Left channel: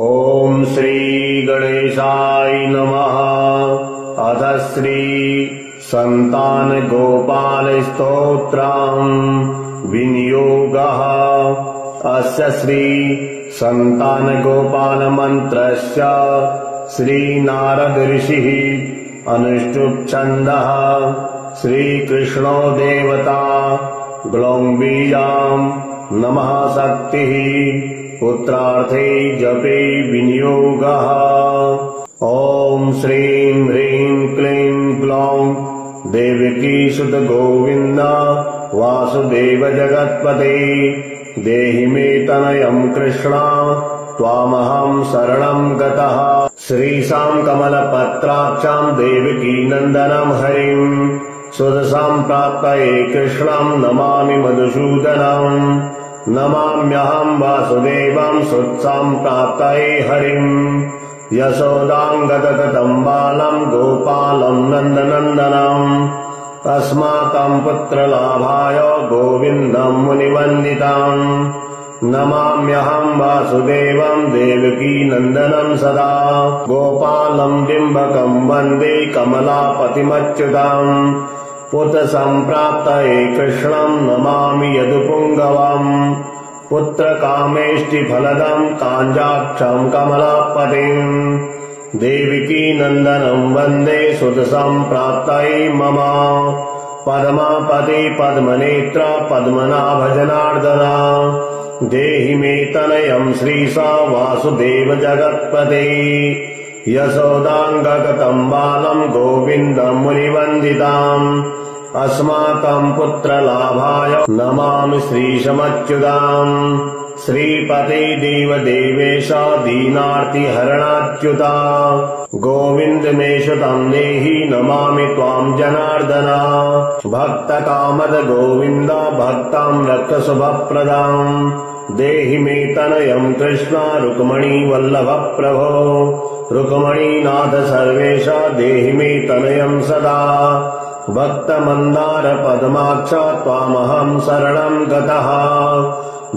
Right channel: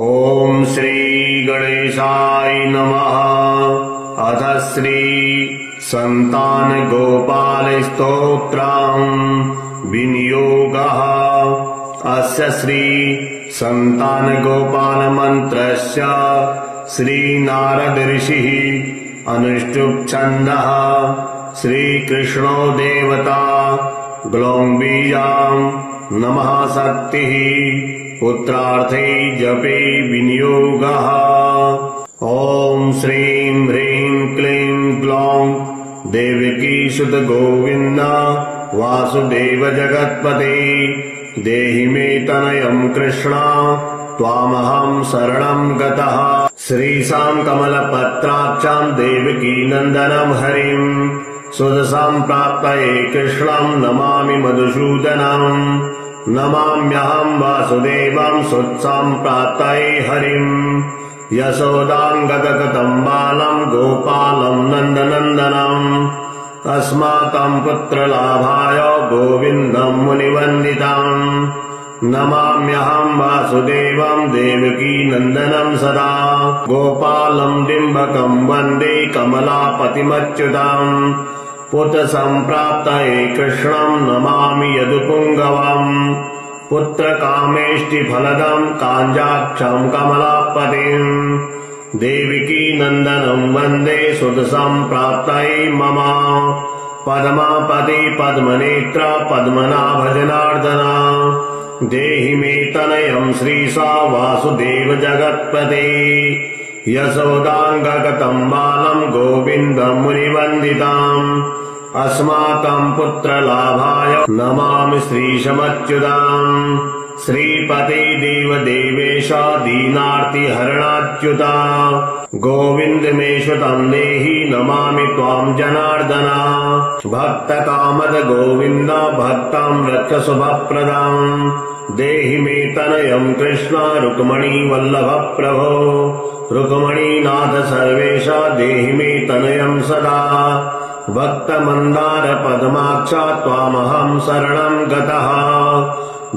ॐ श्री गणेशाय नमः। अथ श्री संतान गोपाल स्तोत्रम् विनियोगः। अस्य श्री संतान गोपाल मंत्रस्य श्री नारद ऋषिः अनुष्टुप् छन्दः। श्री कृष्णो देवता ग्लौं बीजां नमः शक्तिः पुत्रार्थे जपे विनियोगः। ॐ श्रीं ह्रीं क्लीं ग्लौं देवकी सुत गोविन्द वासुदेव जगत्पते देहि मे तनयं कृष्ण त्वामहं शरणं गतः। श्रीशां कमलपत्राक्षां देवकी नन्दनं हरिं सुदसां प्राप्तये कृष्णं नमामि मधुसूदनम्। नमाम्यहं वासुदेवं सुत्सां प्राप्तये हरिं यशोदां गतगतं बालं गोपालं नन्दनन्दनम्। अस्माकं पुत्रलाभाय गोविन्दं मुनिवन्दितं नमाम्यहं वासुदेवं देवकी नन्दनं सदा गोपालं डिम्बकं वन्दे कमलापतिमच्युतम्। पुत्रसम्प्राप्तये कृष्णं नमामि यदुपुङ्गवम् पुत्रकामेष्टिफलदं काञ्जाक्षं कमलापतिम् देवकी नन्दनं वन्दे सुतसम्प्राप्तये मम पद्मापति पद्मनेत्र पद्मनाभजनार्दना देहि मे तनयं श्रीशा वासुदेव जगत्पते यशोदाङ्गगतं बालं गोविन्दं मुनिवन्दिताम्। अस्माकं पुत्रलाभाय नमामि श्रीशमच्युताम्। श्रीपते देवदेवेश दीनार्तिहरणाच्युता गोविन्द मे श्रुतं देहि नमामि त्वां जनार्दन। भक्तकामद गोविन्द भक्तं रक्ष शुभप्रदम् देहि मे तनयं कृष्ण रुक्मणी वल्लभ प्रभो रुक्मणीनाथ सर्वेश देहि मे तनयं सदा। भक्तमन्दार पद्माक्ष त्वामहं शरणं गतः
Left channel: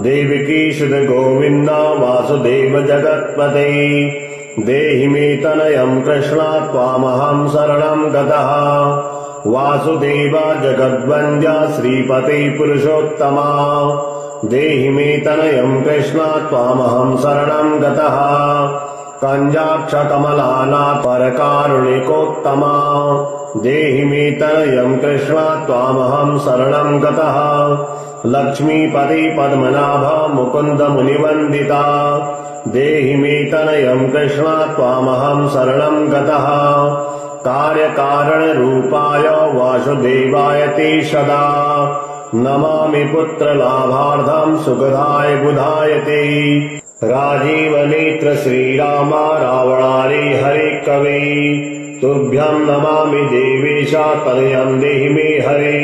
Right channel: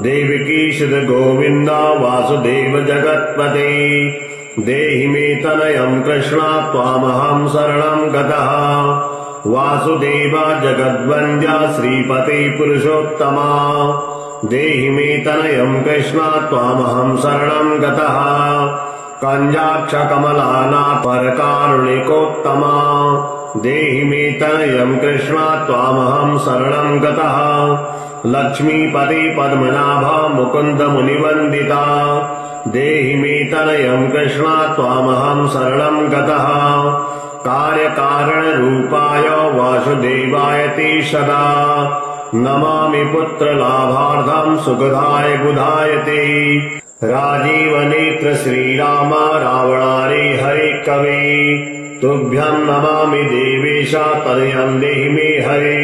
देवकी सुत गोविन्द वासुदेव जगत्पते देहि मे तनयं कृष्ण त्वामहं शरणं गतः। वासुदेव जगद्वन्द्य श्रीपते पुरुषोत्तमा देहि मे तनयं कृष्ण त्वामहं शरणं गतः। कञ्जाक्ष कमलानाथ परकारुणिकोत्तमा देहि मे तनयं कृष्ण त्वामहं शरणं गतः। लक्ष्मीपते पद्मनाभ मुकुन्द मुनिवन्दिता देहि मे तनयं कृष्ण त्वामहं शरणं गतः। कार्यकारणरूपाय वासुदेवाय ते सदा नमामि पुत्रलाभार्थं सुखदाय बुधाय ते। राजीवनेत्र श्रीराम रावणारे हरे कवे तुभ्यं नमामि देवेश तनयं देहि मे हरे।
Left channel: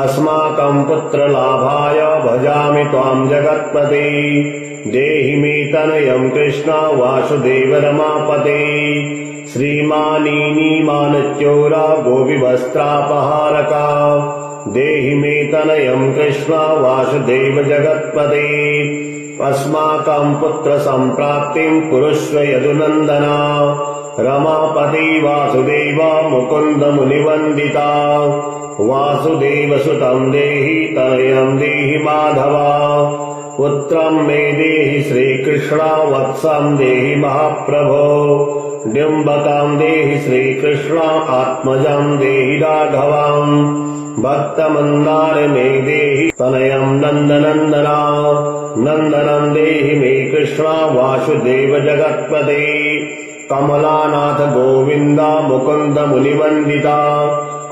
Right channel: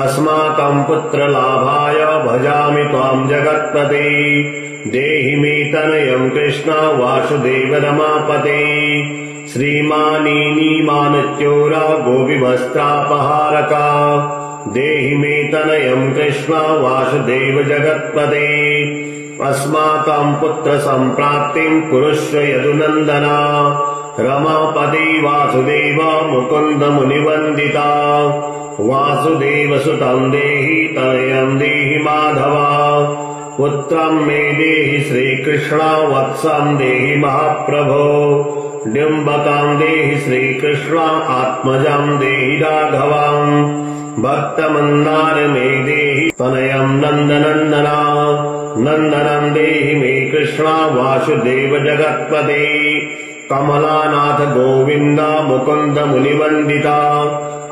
अस्माकं पुत्रलाभाय भजामि त्वां जगत्पते देहि मे तनयं कृष्ण वासुदेव रमापते। श्रीमानीमानच्योरा गोपीवस्त्रापहारका देहि मे तनयं कृष्ण वासुदेव जगत्पते। अस्माकं पुत्रसम्प्राप्तिं कुरुष्व यदुनन्दना रमापते वासुदेव मुकुन्द मुनिवन्दिता। वासुदेव सुतं देहि तनयं देहि माधवा पुत्रं मे देहि श्रीकृष्ण वत्सं देहि महाप्रभो डिम्बकं देहि श्रीकृष्ण आत्मजं देहि राघवम्। भक्तमन्दार मे देहि तनयं नन्दनन्दना नन्दनं देहि मे कृष्ण वासुदेव जगत्पते। कमलानाथ गोविन्द मुकुन्द मुनिवन्दिता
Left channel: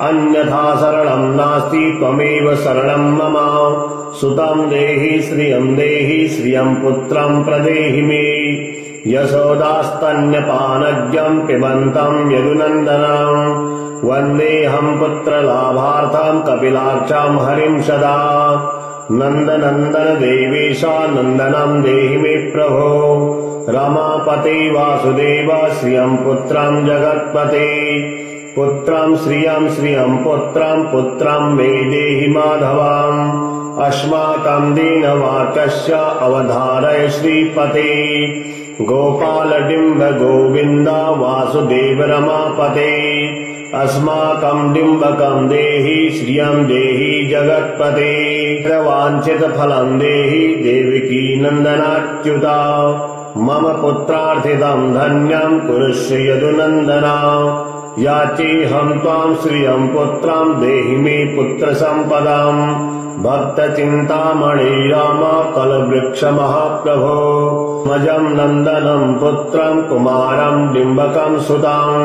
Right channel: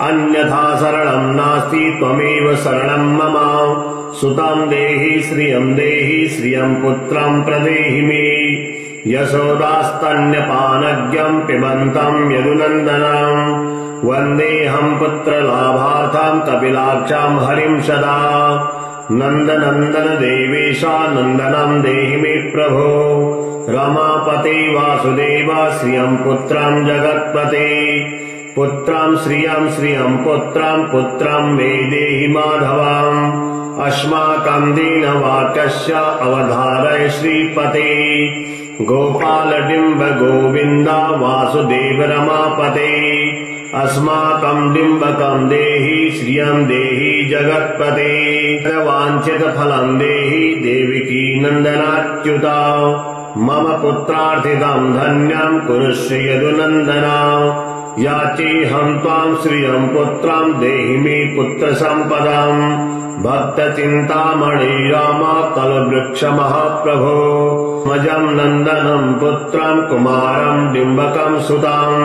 अन्यथा शरणं नास्ति त्वमेव शरणं मम। सुतं देहि श्रियं पुत्रं प्रदेहि मे यशोदास्तन्यपानज्ञं पिबन्तं यदुनन्दनम्। वन्देऽहं पुत्रलाभार्थं कपिलाक्षां हरिं सदा नन्दनन्दन देवेश नन्दनं देहि मे प्रभो। रमापते वासुदेव श्रियं पुत्रं जगत्पते पुत्रं श्रियं पुत्रं मे देहि माधवम्। अस्माकं दीनवाक्यस्य अवधारय श्रीपते गोपालडिम्ब गोविन्द वासुदेव रमापते अस्माकं डिम्बकं देहि श्रियं देहि जगत्पते वाञ्छितफलं देहि देवकी नन्दनाच्युता मम पुत्रार्थितं धन्यं कुरुष्व यदुनन्दना याचेऽहं त्वां श्रियं पुत्रं देहि मे पुत्रसम्पदाम् भक्तचिन्तामणि राम कलवृक्ष महाप्रभो मजं नन्दनं पुत्रं कुमारं डिम्बकं सुताम्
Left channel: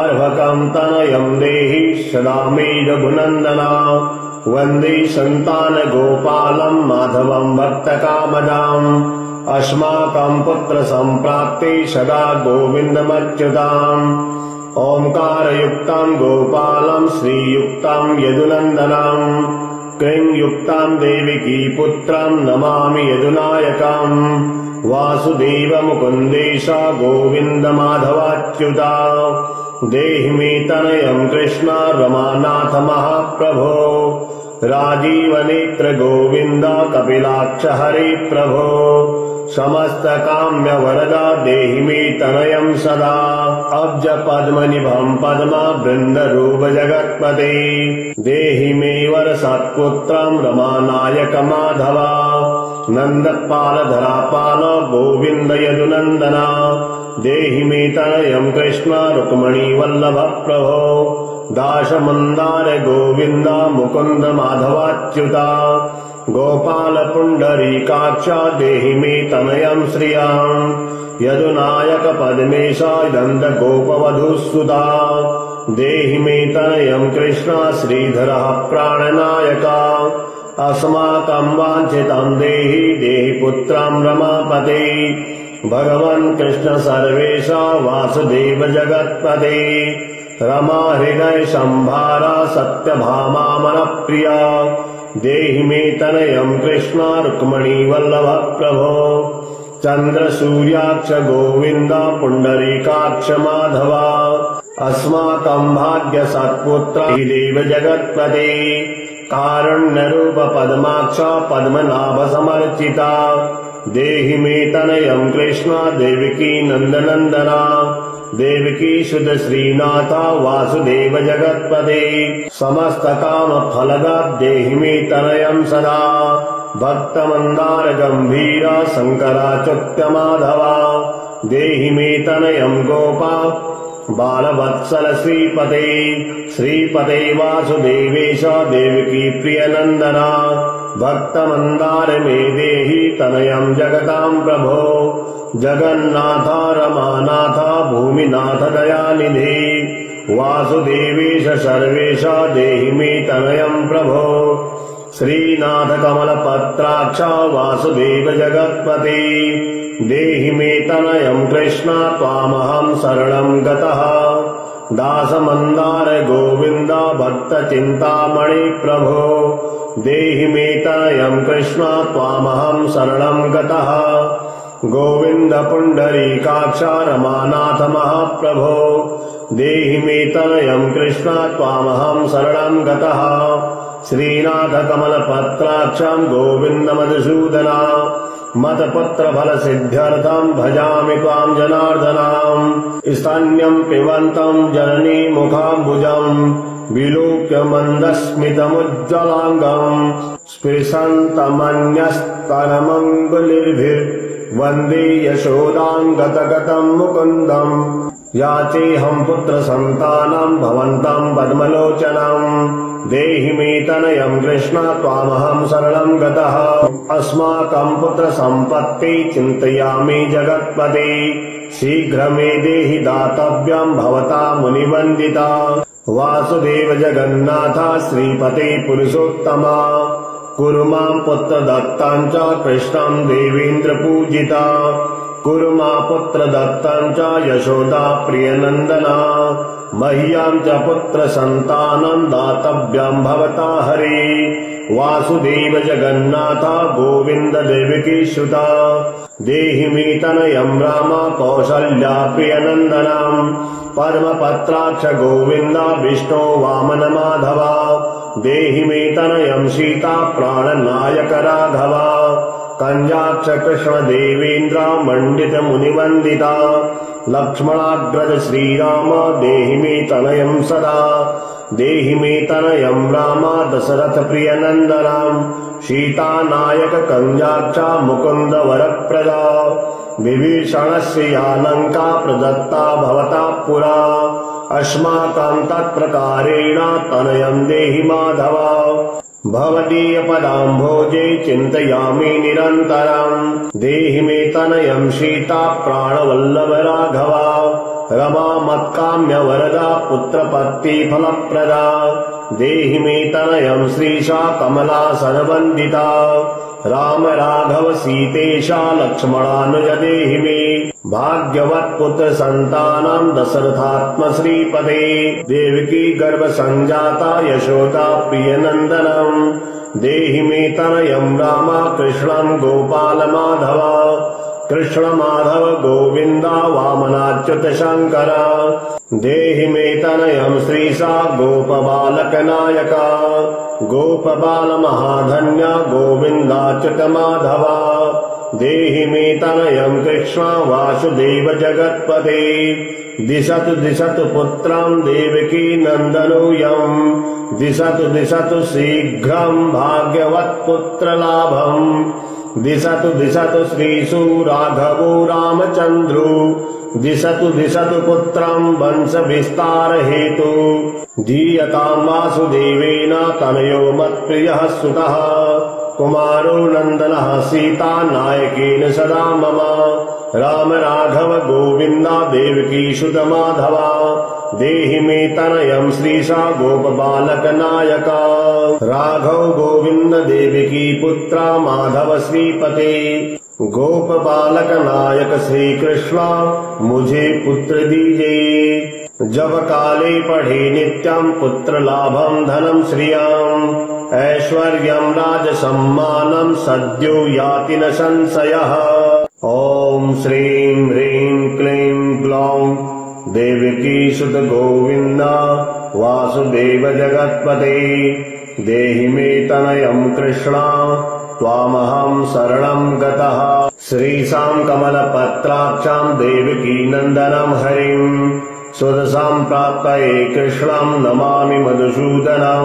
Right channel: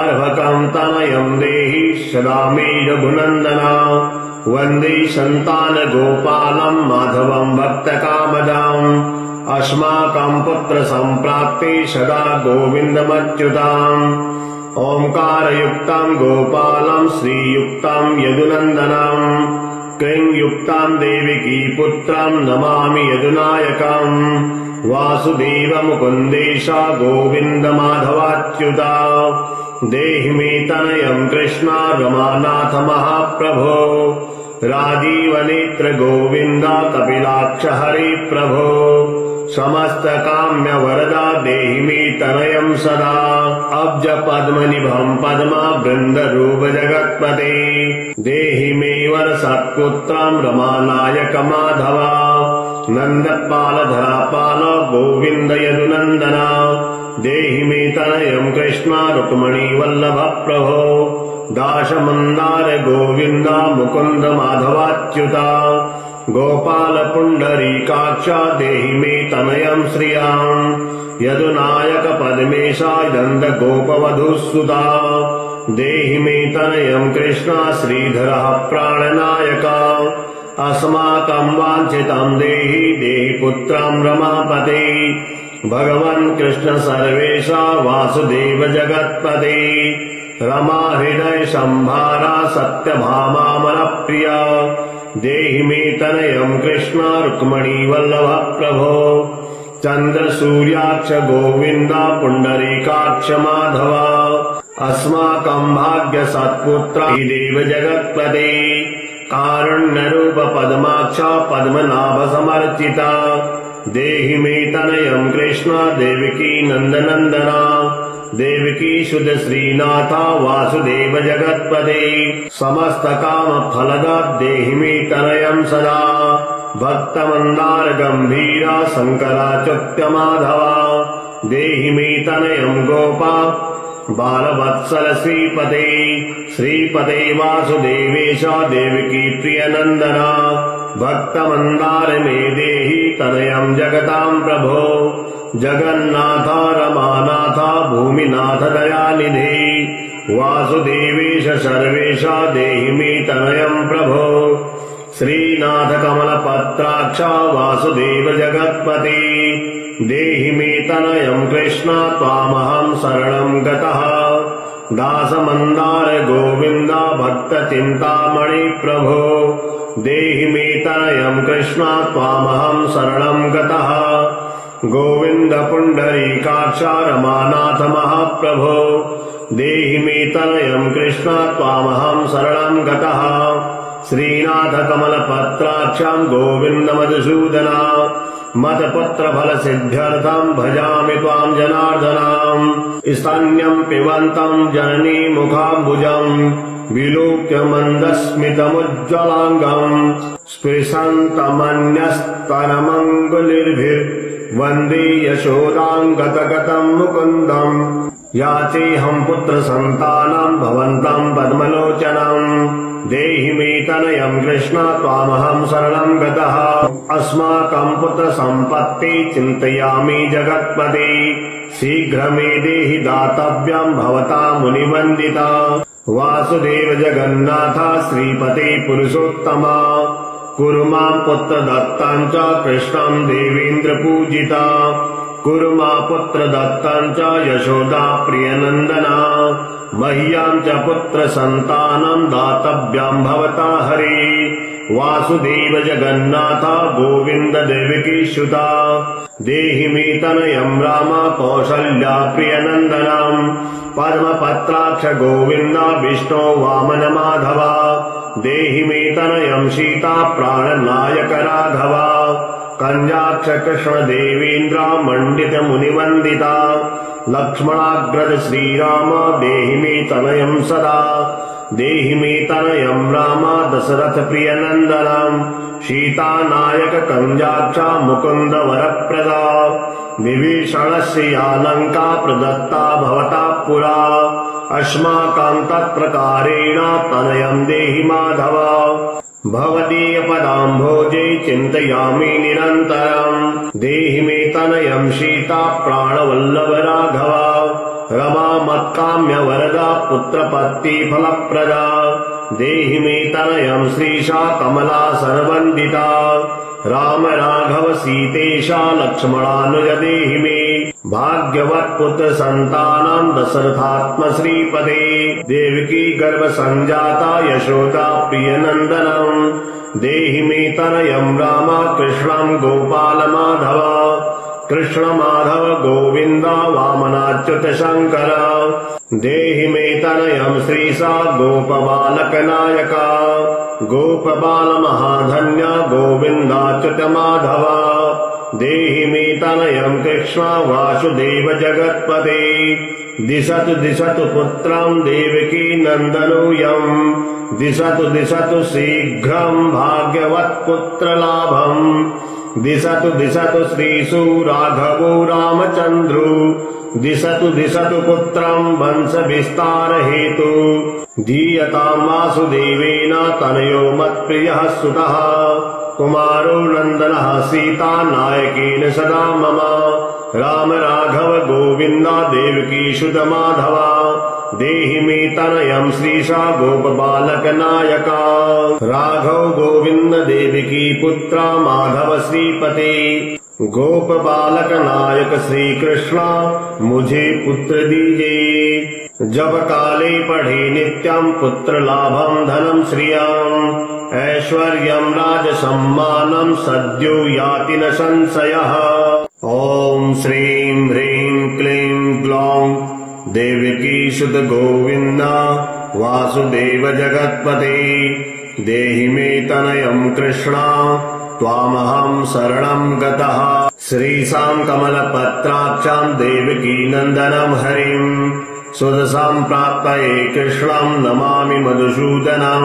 अर्भकं तनयं देहि सदा मे रघुनन्दना वन्दे सन्तानगोपालं माधवं भक्तकामदाम् अस्माकं पुत्रसम्प्राप्ते सदा गोविन्दमच्युताम् ओंकारयुक्तं गोपालं श्रीयुक्तं यदुनन्दनम् क्लींयुक्तं देवकी पुत्रं नमामि यदुनायकम् वासुदेव मुकुन्देश गोविन्द माधवाच्युता देहि मे तनयं कृष्ण रमानाथ महाप्रभो राजीवनेत्र गोविन्द कपिलाक्ष हरे प्रभो समस्त काम्य वरदा देहि मे तनयं सदा अब्ज पद्मनिभं पद्मा वृन्दरूप जगत्पते देहि मे वर सत्पुत्रं रमानायक माधवा नन्दपाल धरापाल गोविन्द यदुनन्दना देहि मे तनयं कृष्ण रुक्मणी वल्लभ प्रभो दाशमन्दार गोविन्द मुकुन्द माधवाच्युता गोपाल पुण्डरीकाक्ष देहि मे तनयं श्रियाम् यदुनायक पद्मेशा नन्द गोपवधूसुता देहि मे तनयं कृष्ण श्रीधरः प्राणनायका अस्माकं वाञ्छितं देहि देहि पुत्रं रमापते भगवन् कृष्ण सर्वेशा वासुदेव जगत्पते रमा हृदय संभारा सत्यभामा मनप्रिया देहि मे तनयं कृष्ण रुक्मणी वल्लभ प्रभो चन्द्र सूर्याक्ष गोविन्द पुण्डरीकाक्ष माधवा अस्माकं भाग्य सत्पुत्र देव जगत्पते कारुण्यरूप पद्माक्ष पद्मनाभ समर्चिता देहि मे तनयं कृष्ण देवकी नन्दनन्दना देवकी शुद्ध श्रीनाथ वासुदेव जगत्पते समस्त काम फलदा देहि मे तनयं सदा भक्तमन्दार गंभीरा शंकराच्युत माधवा देहि मे तनयं गोपा बालवत्सल श्रीपते श्रीपते वासुदेवेश देवकी प्रियनन्दना भक्तमन्दार मे देहि तनयं जगतां प्रभो जगन्नाथ रमानाथ भूमिनाथ दयानिधि वासुदेवेश सर्वेश देहि मे तनयं प्रभो श्रीनाथ कमलपत्राक्ष वासुदेव जगत्पते देहि मे तनयं कृष्ण त्वामहं शरणं गतः दासमन्दार गोविन्द भक्तचिन्तामणि प्रभो देहि मे तनयं कृष्ण त्वामहं शरणं गतः गोविन्द पुण्डरीकाक्ष रमानाथ महाप्रभो देहि मे तनयं कृष्ण त्वामहं शरणं गतः श्रीनाथ कमलपत्राक्षं गोविन्द मधुसूदना मतपुत्र फल सिद्ध्यर्थं भजामि त्वां जनार्दनाम् स्तन्यं पिबन्तं जननी मुखाम्बुजं विलोक्य मन्दस्मितमुज्ज्वलाङ्गम् स्पृशन्तमन्यस्तनमङ्गुलिर्भिर्वन्दे यशोदां गतगतं मुकुन्दम् याचेऽहं पुत्रसन्तानं भवन्तं पद्मलोचनम् देहि मे तनयं कृष्ण त्वामहं शरणं गतः अस्माकं पुत्रसम्पत्ति चिन्तयामि जगत्पते शीघ्र मे देहि दातव्यं भवता मुनिवन्दिता वासुदेव जगन्नाथ श्रीपते पुरुषोत्तमा कुरु मां पुत्रदत्तं च कृष्णं देवेन्द्र पूजिता कुरु मां पुत्रदत्तं च यशोदा प्रियनन्दना मह्यं च पुत्रसन्तानं दातव्यं भवता हरे वासुदेव जगन्नाथ गोविन्द देवकीसुता देहि मे तनयं राम कौसल्या प्रियनन्दनं पद्मपत्राक्ष गोविन्द विष्णो वामन माधवा देहि मे तनयं सीता प्राणनायक राघवा कंजाक्ष कृष्ण देवेन्द्र मंडित मुनिवंदिता लक्ष्मणाग्रज श्रीराम देहि मे तनयं सदा देहि मे तनयं राम दशरथ प्रिय नंदनम सीता नायक कंजाक्ष मुकुंद वरप्रदा विभीषणस्य या लंका प्रदत्ता भवता पुरा अस्माकं तत्प्रकारेण तनयं देहि माधव भवदीय पदाम्भोजे चिन्तयामि निरन्तरम् देहि मे तनयं सीता प्राणवल्लभ राघव रमा मत्काम्य वरदा पुत्रपत्ति फलप्रदा देहि मे तनयं श्रीशा कमला सर्वन्दिता राम राघव सीतेशा लक्ष्मणानुज देहि मे भाग्यवत् पुत्र संतानं दशरथात्म श्रीपदे देवकी गर्भ संजाता यशोदा प्रिय नंदनम देहि मे तनयं राम कृष्णं गोपाल माधव कृष्ण माधव गोविंद वामनाच्युत शंकर देहि मे तनयं श्रीशा गोप बालक नायका गोप बाल महाधन्य गोविंदाच्युत माधव देहि मे तनयं कृष्ण वासुदेव जगत्पते दिशतु दिशतु पुत्रं देवकी नंदनोऽयं दिशतु दिशतु शीघ्रं भाग्यवत् पुत्र लाभम् दिशतु दिशतु श्रीषु राघवो रामचन्द्रो दिशतु दिशतु पुत्रं वंश विस्तार हेतु धीयतां वासुदेवेन तनयो मत्प्रियः सुतः कुमारो नंदनः सीता नायकेन सदा मम राम राघव गोविंद देवकी सुत माधव देहि मे तनयं श्रीशा गोप बालक नायका राघव गोविंद देवकी पुत्र माधव श्रीपते गोप बालक नायक श्री कृष्ण मुझे पुत्र दीजिए जब काले पढ़े नित्यं पुत्र लाभं धनं श्रियं ऐश्वर्यं राज सम्मानं सद्यो याति न संशयः ओम श्रीं ह्रीं क्लीं ग्लौं देवकी सुत गोविंद वासुदेव जगत्पते देहि मे तनयं कृष्ण त्वामहं शरणं गतः श्रीशां कमलपत्राक्षां देवकी नंदनं हरिं सुदशां प्राप्तये कृष्णं नमामि मधुसूदनं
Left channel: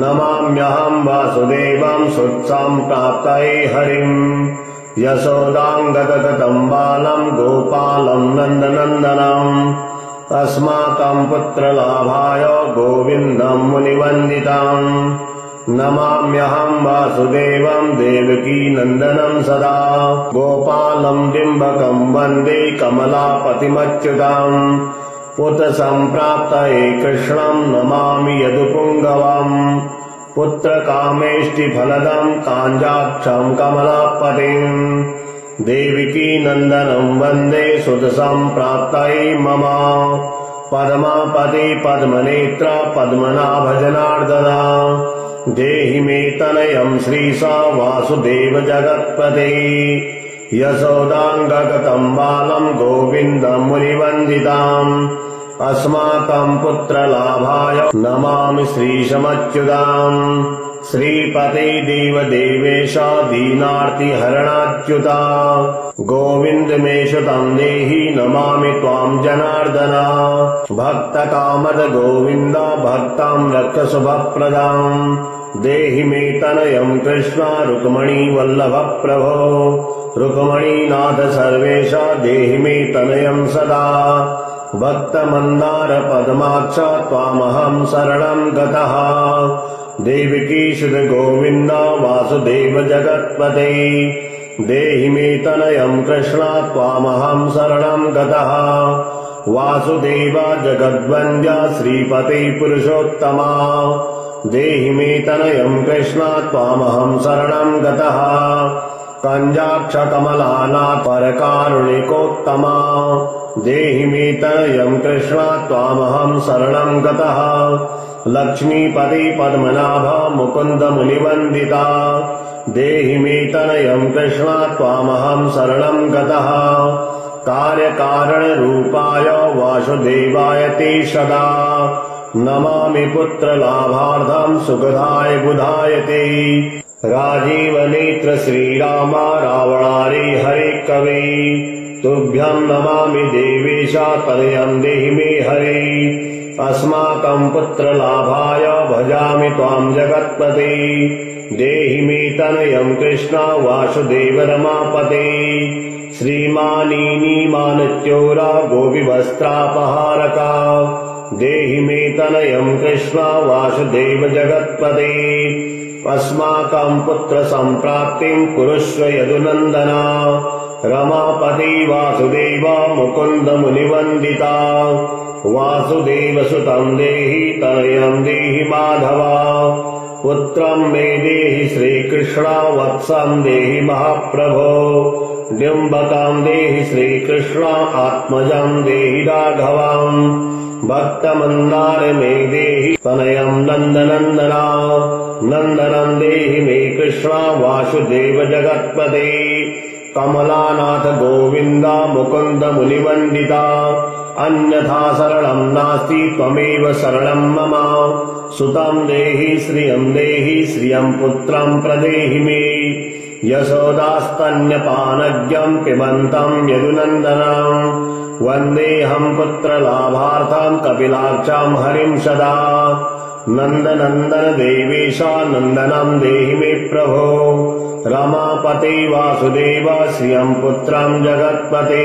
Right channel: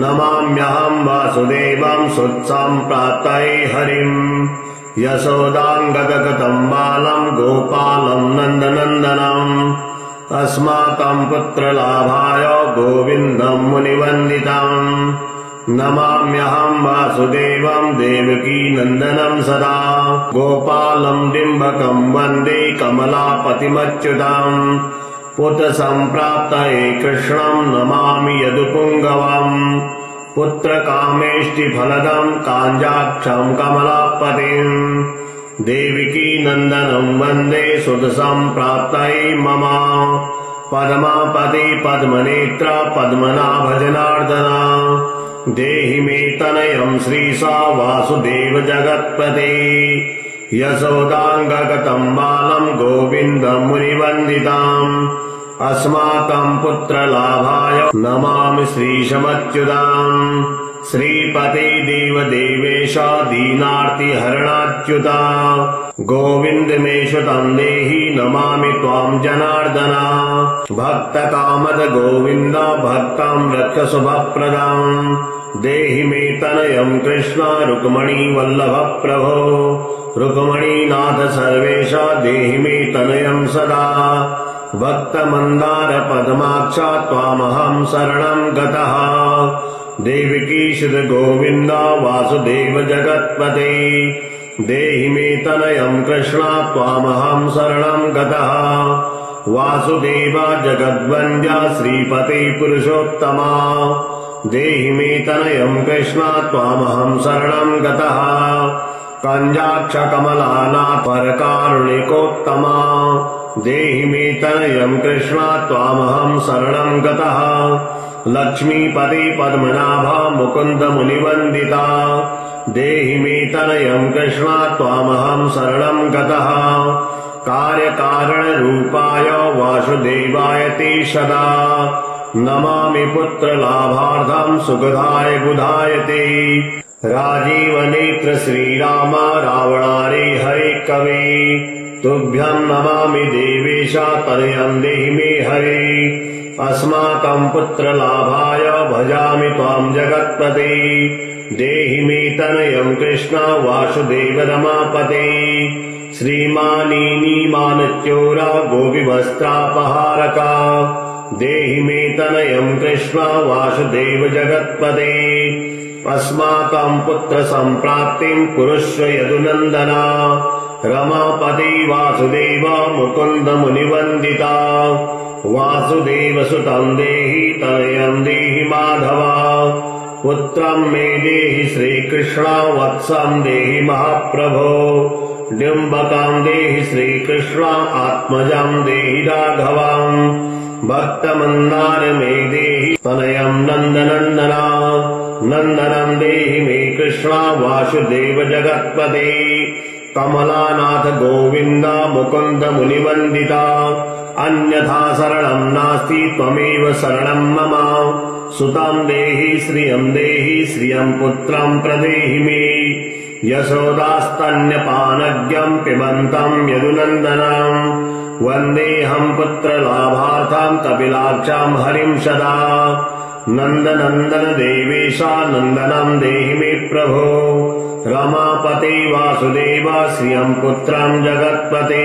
नमाम्यहं वासुदेवं सुत्सां प्राप्तये हरिं यशोदां गतगतं बालं गोपालं नन्दनन्दनम् अस्माकं पुत्रलाभाय गोविन्दं मुनिवन्दितं नमाम्यहं वासुदेवं देवकी नन्दनं सदा गोपालं डिम्बकं वन्दे कमलापतिमच्युतं पुत्र सम्प्राप्तये कृष्णं नमामि यदुपुङ्गवम् पुत्र कामेष्टिफलदं काञ्जाक्षं कमलापतिम् देवकी नन्दनं वन्दे सुतसम्प्राप्तये मम पद्मापते पद्मनेत्र पद्मनाभ जनार्दना देहि मे तनयं श्रीशा वासुदेव जगत्पते यशोदाङ्गगतं बालं गोविन्दं मुनिवन्दिताम् अस्माकं पुत्रलाभाय नमामि श्रीशमच्युताम् श्रीपते देवदेवेश दीनार्तिहरणाच्युता गोविन्द मे श्रुतं देहि नमामि त्वां जनार्दन भक्तकामद गोविन्द भक्तं रक्ष शुभप्रदम् देहि मे तनयं कृष्ण रुक्मणी वल्लभ प्रभो रुक्मणीनाथ सर्वेश देहि मे तनयं सदा भक्त मंदार पद्माक्ष त्वामहं शरणं गतः देवकी सुत गोविंद वासुदेव जगत्पते देहि मे तनयं कृष्ण त्वामहं शरणं गतः वासुदेव जगद्वन्द्य श्रीपते पुरुषोत्तमा देहि मे तनयं कृष्ण त्वामहं शरणं गतः कंजाक्ष कमलानाथ परकारुणिकोत्तमा देहि मे तनयं कृष्ण त्वामहं शरणं गतः लक्ष्मीपते पद्मनाभ मुकुन्द मुनिवन्दिता देहि मे तनयं कृष्ण त्वामहं शरणं गतः कार्यकारणरूपाय वासुदेवाय ते सदा नमामि पुत्रलाभार्थं सुखदाय बुधाय ते राजीव नेत्र श्रीराम रावणारे हरे कवि तुभ्यं नमामि देवेशा तनयं देहि मे हरे अस्माकं पुत्रलाभाय भजामि त्वां जगत्पते देहि मे तनयं कृष्ण वासुदेव रमापते श्रीमानीमानच्योरा गोपीवस्त्रापहारका देहि मे तनयं कृष्ण वासुदेव जगत्पते अस्माकं पुत्र संप्राप्तिं कुरुष्व यदुनन्दना रमापति वासुदेव मुकुन्द मुनिवन्दिता वासुदेव सुतं देहि तनयं देहि माधवा पुत्रं मे देहि श्रीकृष्ण वत्सं देहि महाप्रभो डिम्बकं देहि श्रीकृष्ण आत्मजं देहि राघवम् भक्तमन्दार मे देहि तनयं नन्दनन्दना नन्दनं देहि मे कृष्ण वासुदेव जगत्पते कमलानाथ गोविन्द मुकुन्द मुनिवन्दिता अन्यथा शरणं नास्ति त्वमेव शरणं मम सुतं देहि श्रियं पुत्रं प्रदेहि मे यशोदास्तन्यपानज्ञं पिबन्तं यदुनन्दनं वन्देऽहं पुत्रलाभार्थं कपिलाक्षां हरिं सदा नन्दनन्दन देवेशा नन्दनं देहि मे प्रभो रमापते वासुदेव श्रियं पुत्रं जगत्पते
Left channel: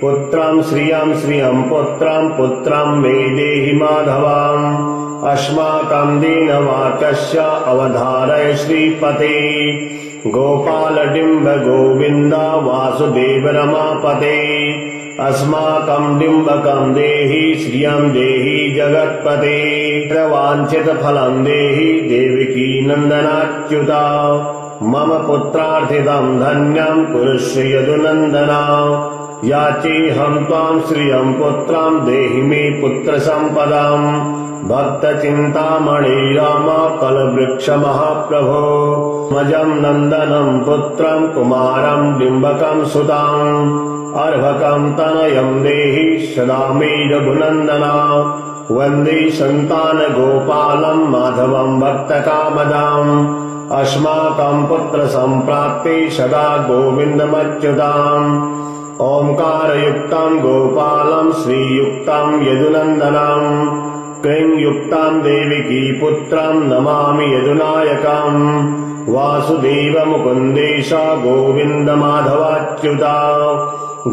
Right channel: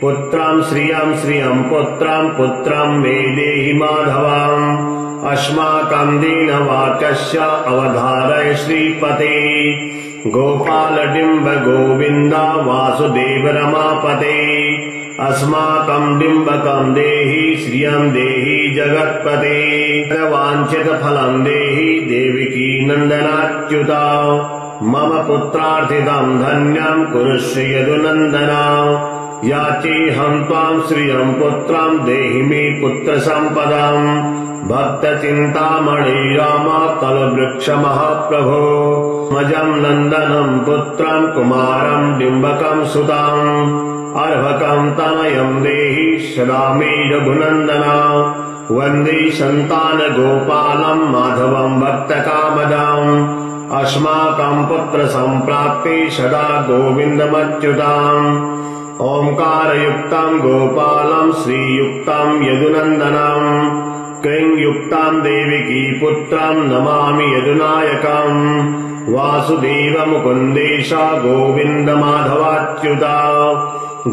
पुत्रं श्रियं पुत्रं मे देहि माधवम् अस्माकं दीनवाक्यस्य अवधारय श्रीपते गोपालडिम्ब गोविन्द वासुदेव रमापते अस्माकं डिम्बकं देहि श्रियं देहि जगत्पते वाञ्छितफलं देहि देवकी नन्दनाच्युता मम पुत्रार्थितं धन्यं कुरुष्व यदुनन्दना याचेऽहं त्वां श्रियं पुत्रं देहि मे पुत्रसम्पदाम् भक्तचिन्तामणि राम कलवृक्ष महाप्रभो मजं नन्दनं पुत्रं कुमारं डिम्बकं सुताम् अर्भकं तनयं देहि सदा मे रघुनन्दना वन्दे सन्तानगोपालं माधवं भक्तकामदाम् अस्माकं पुत्रसम्प्राप्ते सदा गोविन्दमच्युताम् ओंकारयुक्तं गोपालं श्रीयुक्तं यदुनन्दनं क्लींयुक्तं देवकी पुत्रं नमामि यदुनायकम् वासुदेव मुकुन्देश गोविन्द माधवाच्युता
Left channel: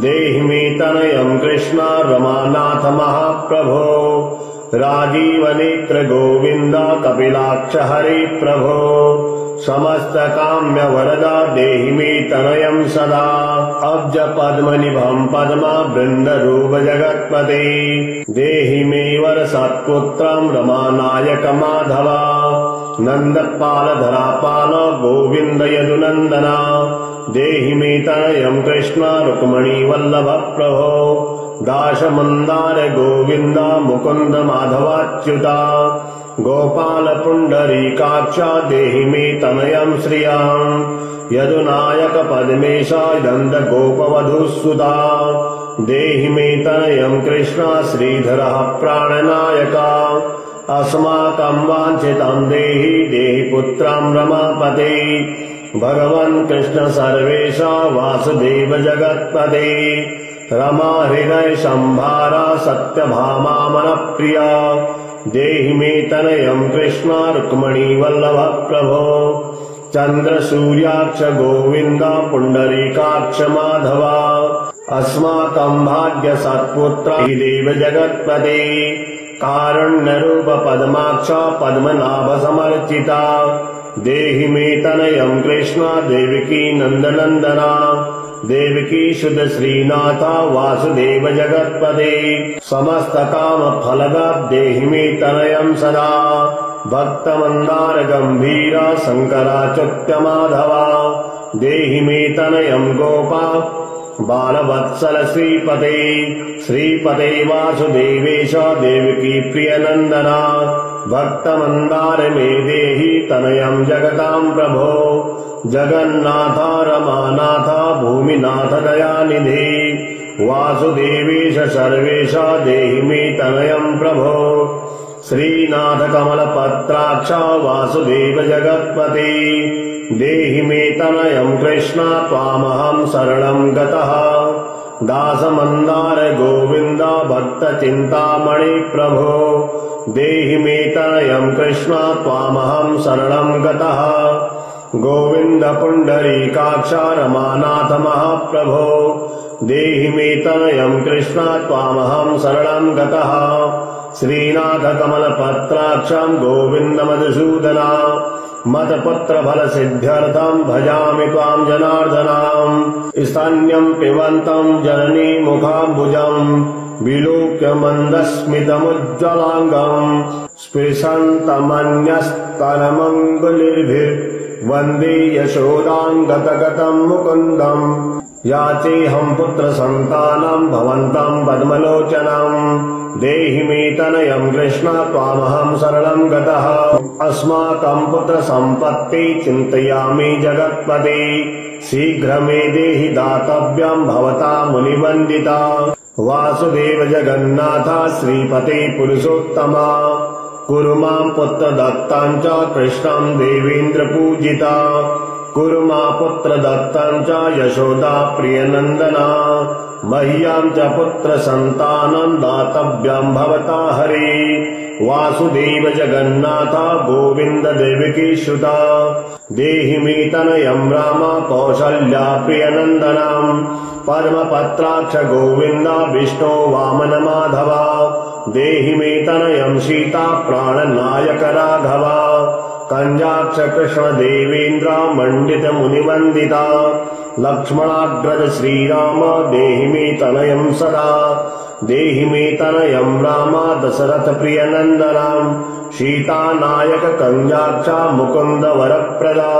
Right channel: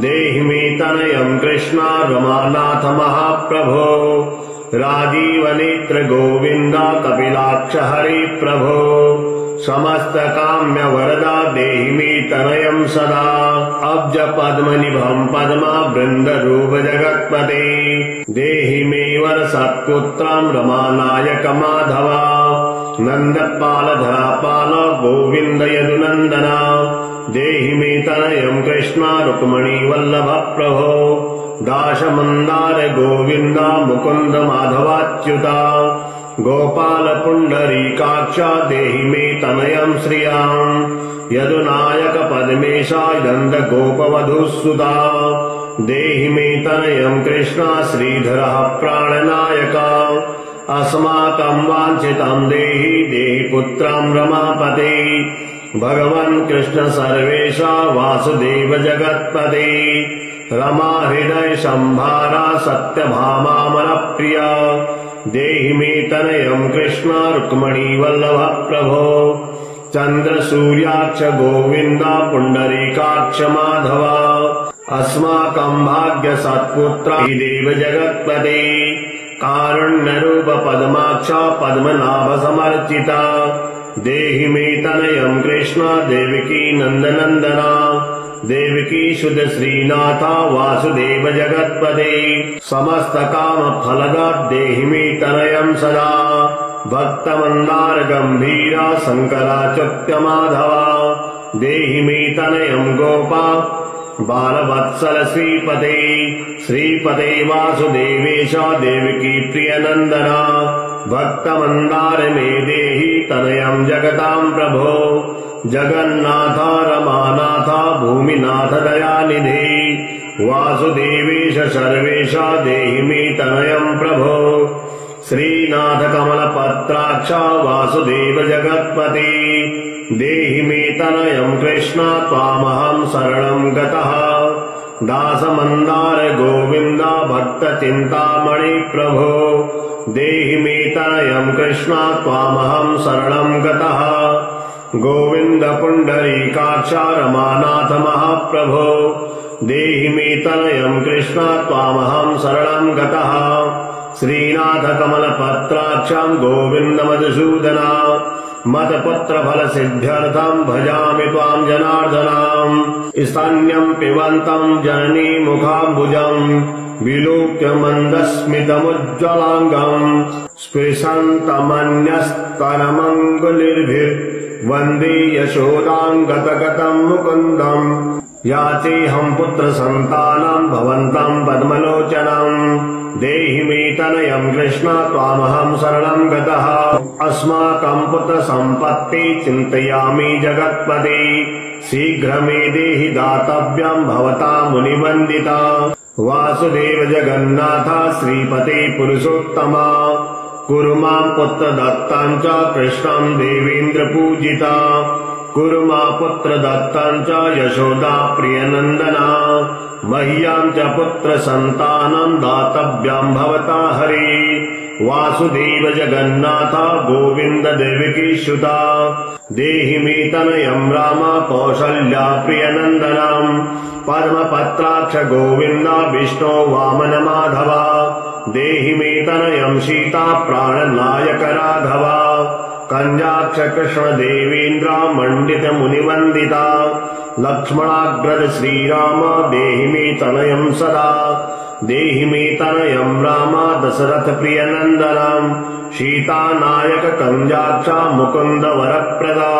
देहि मे तनयं कृष्ण रमानाथ महाप्रभो राजीवनेत्र गोविन्द कपिलाक्ष हरे प्रभो समस्त काम्य वरदा देहि मे तनयं सदा अब्ज पद्मनिभं पद्मा वृन्दरूप जगत्पते देहि मे वर सत्पुत्रं रमानायक माधवा नन्दपाल धरापाल गोविन्द यदुनन्दना देहि मे तनयं कृष्ण रुक्मिणी वल्लभ प्रभो दाशमन्दार गोविन्द मुकुन्द माधवाच्युता गोपाल पुण्डरीकाक्ष देहि मे तनयं श्रियं यदुनायक पद्मेशा नन्द गोपवधूसुता देहि मे तनयं कृष्ण श्रीधरः प्राणनायका अस्माकं वाञ्छितं देहि पुत्रं रमापते भगवन् कृष्ण सर्वेशा वासुदेव जगत्पते रमा हृदय संभारा सत्यभामा मनप्रिया देहि मे तनयं कृष्ण रुक्मिणी वल्लभ प्रभो चन्द्र सूर्याक्ष गोविन्द पुण्डरीकाक्ष माधवा अस्माकं भाग्य सत्पुत्र देव जगत्पते कारुण्यरूप पद्माक्ष पद्मनाभ समर्चिता देहि मे तनयं कृष्ण देवकी नन्दनन्दना देवकी सुत श्रीनाथ वासुदेव जगत्पते समस्त काम फलदा देहि मे तनयं सदा भक्तमन्दार गंभीरा शंकराच्युत माधवा देहि मे तनयं गोपा बालवत्सल श्रीपते वासुदेवेश देवकी प्रियनन्दना भक्तमन्दार मे देहि तनयं जगतां प्रभो जगन्नाथ रमानाथ भूमिनाथ दयानिधि वासुदेवेश सर्वेश देहि मे तनयं प्रभो श्रीनाथ कमलपत्राक्ष वासुदेव जगत्पते देहि मे तनयम् कृष्ण त्वामहम् शरणम् गतः दासमन्दार गोविन्द भक्त चिन्तामणि प्रभो देहि मे तनयम् कृष्ण त्वामहम् शरणम् गतः गोविन्द पुण्डरीकाक्ष रमानाथ महाप्रभो देहि मे तनयम् कृष्ण त्वामहम् शरणम् गतः श्रीनाथ कमलपत्राक्षम् गोविन्द मधुसूदना मत्पुत्र फल सिद्ध्यर्थम् भजामि त्वाम् जनार्दनाम् स्तन्यम् पिबन्तम् जननी मुखाम्बुजम् विलोक्य मन्दस्मितमुज्ज्वलाङ्गम् स्पृशन्तमन्यस्तनमङ्गुलिर्भिर्वन्दे यशोदाम् गतगतम् मुकुन्दम् याचेऽहम् पुत्र सन्तानम् भवन्तम् पद्मलोचनम् देहि मे तनयम् कृष्ण त्वामहम् शरणम् गतः अस्माकम् पुत्र सम्पत्ति चिन्तयामि जगत्पते शीघ्र मे देहि दातव्यम् भवता मुनिवन्दिता वासुदेव जगन्नाथ श्रीपते पुरुषोत्तमा कुरु माम् पुत्र दत्ताम् च कृष्णम् देवेन्द्र पूजिता कुरु मा पुत्र दत्ताम् च यशोदा प्रियनन्दना मह्याम् च पुत्र सन्तानम् दातव्यम् भवता हरे वासुदेव जगन्नाथ गोविन्द देवकी सुता देहि मे तनयम् राम कौसल्या प्रियनन्दनम् पद्मपत्राक्ष गोविन्द विष्णो वामन माधवा देहि मे तनयम् सीता प्राणनायक राघवा कञ्जाक्ष कृष्ण देवेन्द्र मण्डित मुनिवन्दिता लक्ष्मणाग्रज श्रीराम देहि मे तनयम् सदा देहि मे तनयम् राम दशरथ प्रियनन्दनम् सीता नायक कञ्जाक्ष मुकुन्द वरप्रदा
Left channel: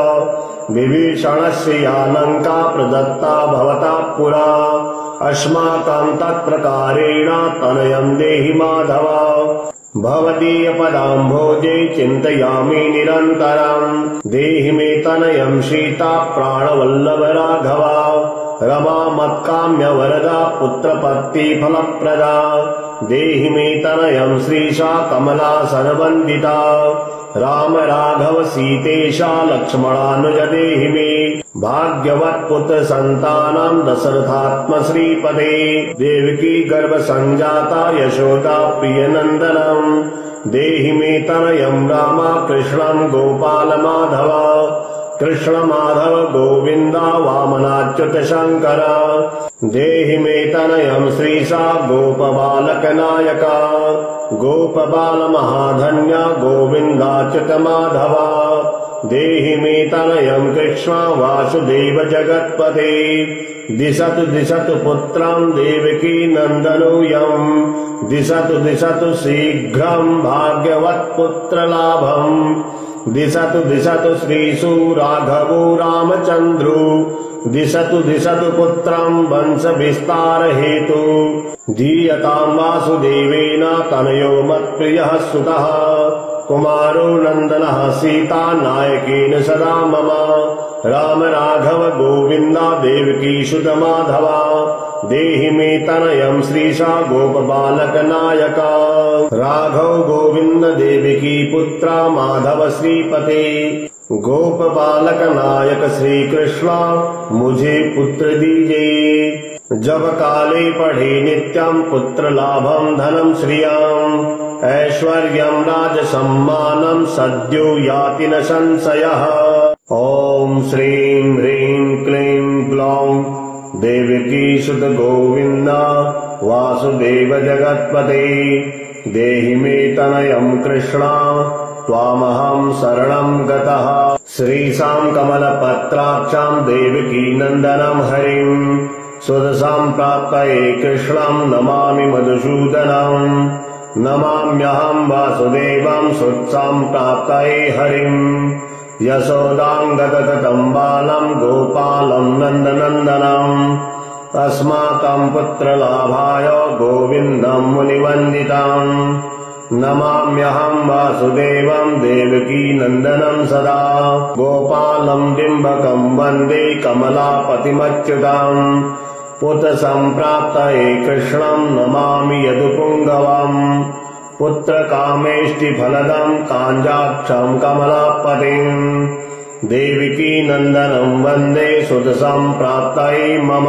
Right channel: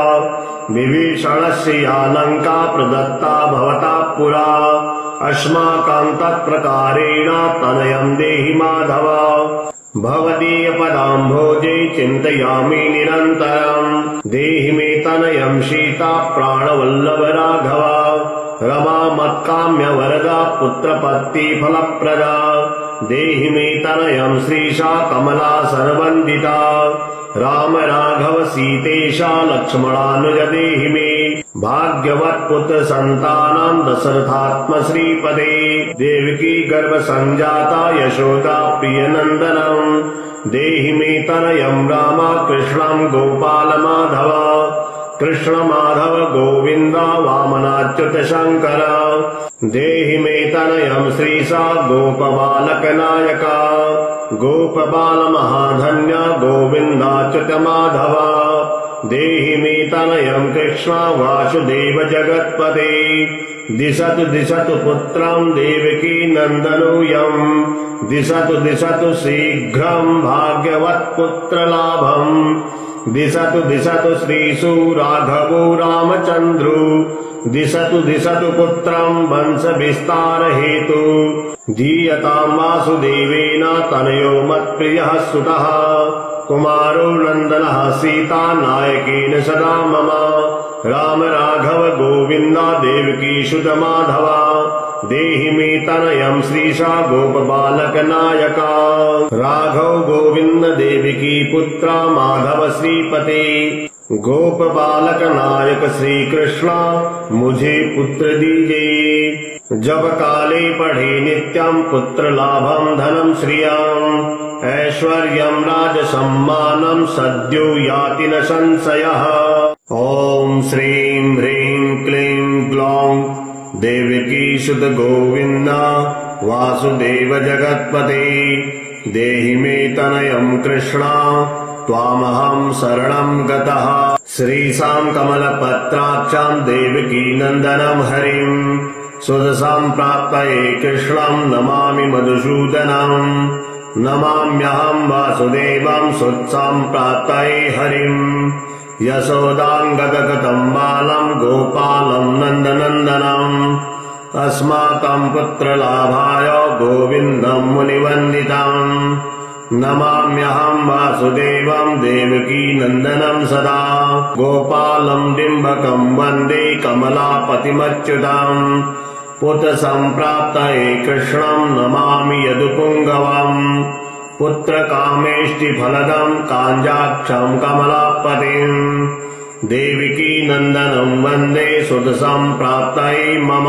विभीषणस्य या लङ्का प्रदत्ता भवता पुरा अस्माकम् तत्प्रकारेण तनयम् देहि माधव भवदीय पदाम्भोजे चिन्तयामि निरन्तरम् देहि मे तनयम् सीता प्राणवल्लभ राघवा रमा मत्काम्य वरदा पुत्रपत्ति फलप्रदा देहि मे तनयम् श्रीशा कमला सर्वन्दिता राम राघव सीतेशा लक्ष्मणानुज देहि मे भाग्यवत् पुत्र सन्तानम् दशरथात्म श्रीपदे देवकी गर्भ संजाता यशोदा प्रियनन्दनम् देहि मे तनयम् राम कृष्णम् गोपाल माधव कृष्ण माधव गोविन्द वामनाच्युत शङ्कर देहि मे तनयम् श्रीशा गोपबालक नायका गोपबाल महाधन्य गोविन्दाच्युत माधव देहि मे तनयम् कृष्ण वासुदेव जगत्पते दिशतु दिशतु पुत्रम् देवकी नन्दनोऽयम् दिशतु दिशतु शीघ्रम् भाग्यवत् पुत्रलाभम् दिशतु दिशतु श्रीषु राघवो रामचन्द्रो दिशतु दिशतु पुत्रम् वंश विस्तार हेतु धीयताम् वासुदेवेन तनयो मत्प्रियः सुतः कुमारो नन्दनः सीता नायकेन सदा मम राम राघव गोविन्द देवकी सुत माधवा देहि मे तनयम् श्रीशा गोपबालक नायका राघव गोविन्द देवकी पुत्र माधव श्रीपते गोप बालक नायक श्री कृष्ण मुझे पुत्र दीजिए जब काले पढ़े नित्यम पुत्र लाभम धनम श्रियम ऐश्वर्यम राज सम्मानम सद्यो याति न संशयः। ओम श्रीं ह्रीं क्लीं ग्लौं देवकी सुत गोविन्द वासुदेव जगत्पते देहि मे तनयम् कृष्ण त्वामहम् शरणम् गतः श्रीशाम् कमलपत्राक्षाम् देवकी नन्दनम् हरिम् सुदशाम् प्राप्तये कृष्णम् नमामि मधुसूदनम् नमाम्यहम् वासुदेवम् सुत्साम् प्राप्तये हरिम् यशोदाम् गतगतम् बालम् गोपालम् नन्दनन्दनम् अस्माकम् पुत्रलाभाय गोविन्दम् मुनिवन्दितम् नमाम्यहम् वासुदेवम् देवकी नन्दनम् सदा गोपालम् डिम्बकम् वन्दे कमलापतिमच्युतम् पुत्र सम्प्राप्तये कृष्णम् नमामि यदुपुङ्गवम् पुत्रकामेष्टिफलदम् काञ्जाक्षम् कमलापतिम् देवकी नन्दनम् वन्दे सुतसम्प्राप्तये मम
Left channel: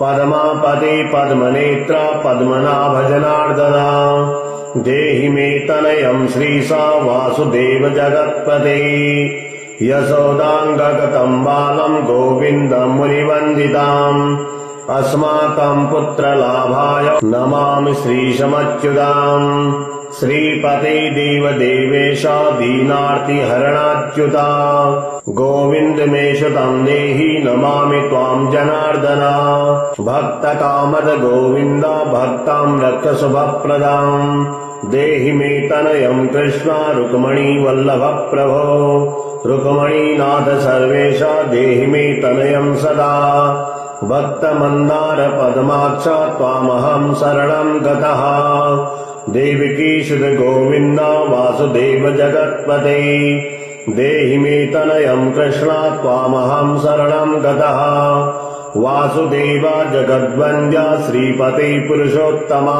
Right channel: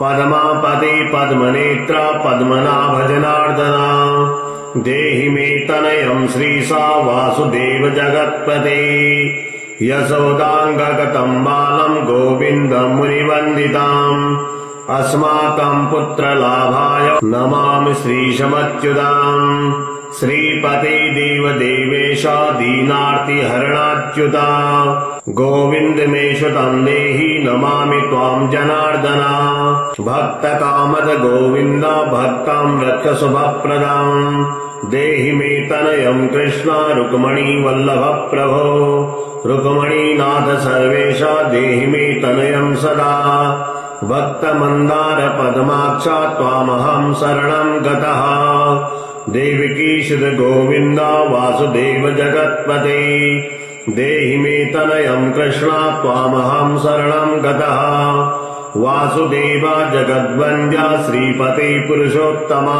पद्मापति पद्मनेत्र पद्मनाभ जनार्दना देहि मे तनयम् श्रीसा वासुदेव जगत्पते यशोदाङ्गगतम् बालम् गोविन्दम् मुनिवन्दिताम् अस्माकम् पुत्रलाभाय नमामि श्रीशमच्युताम् श्रीपते देवदेवेश दीनार्तिहरणाच्युता गोविन्द मे श्रुतम् देहि नमामि त्वाम् जनार्दना भक्तकामद गोविन्द भक्ताम् रक्ष शुभप्रदाम् देहि मे तनयम् कृष्ण रुक्मणी वल्लभ प्रभो रुक्मणीनाथ सर्वेश देहि मे तनयम् सदा भक्तमन्दार पद्माक्ष त्वामहम् शरणम् गतः देवकीसुत गोविन्द वासुदेव जगत्पते देहि मे तनयम् कृष्ण त्वामहम् शरणम् गतः वासुदेव जगद्वन्द्य श्रीपते पुरुषोत्तमा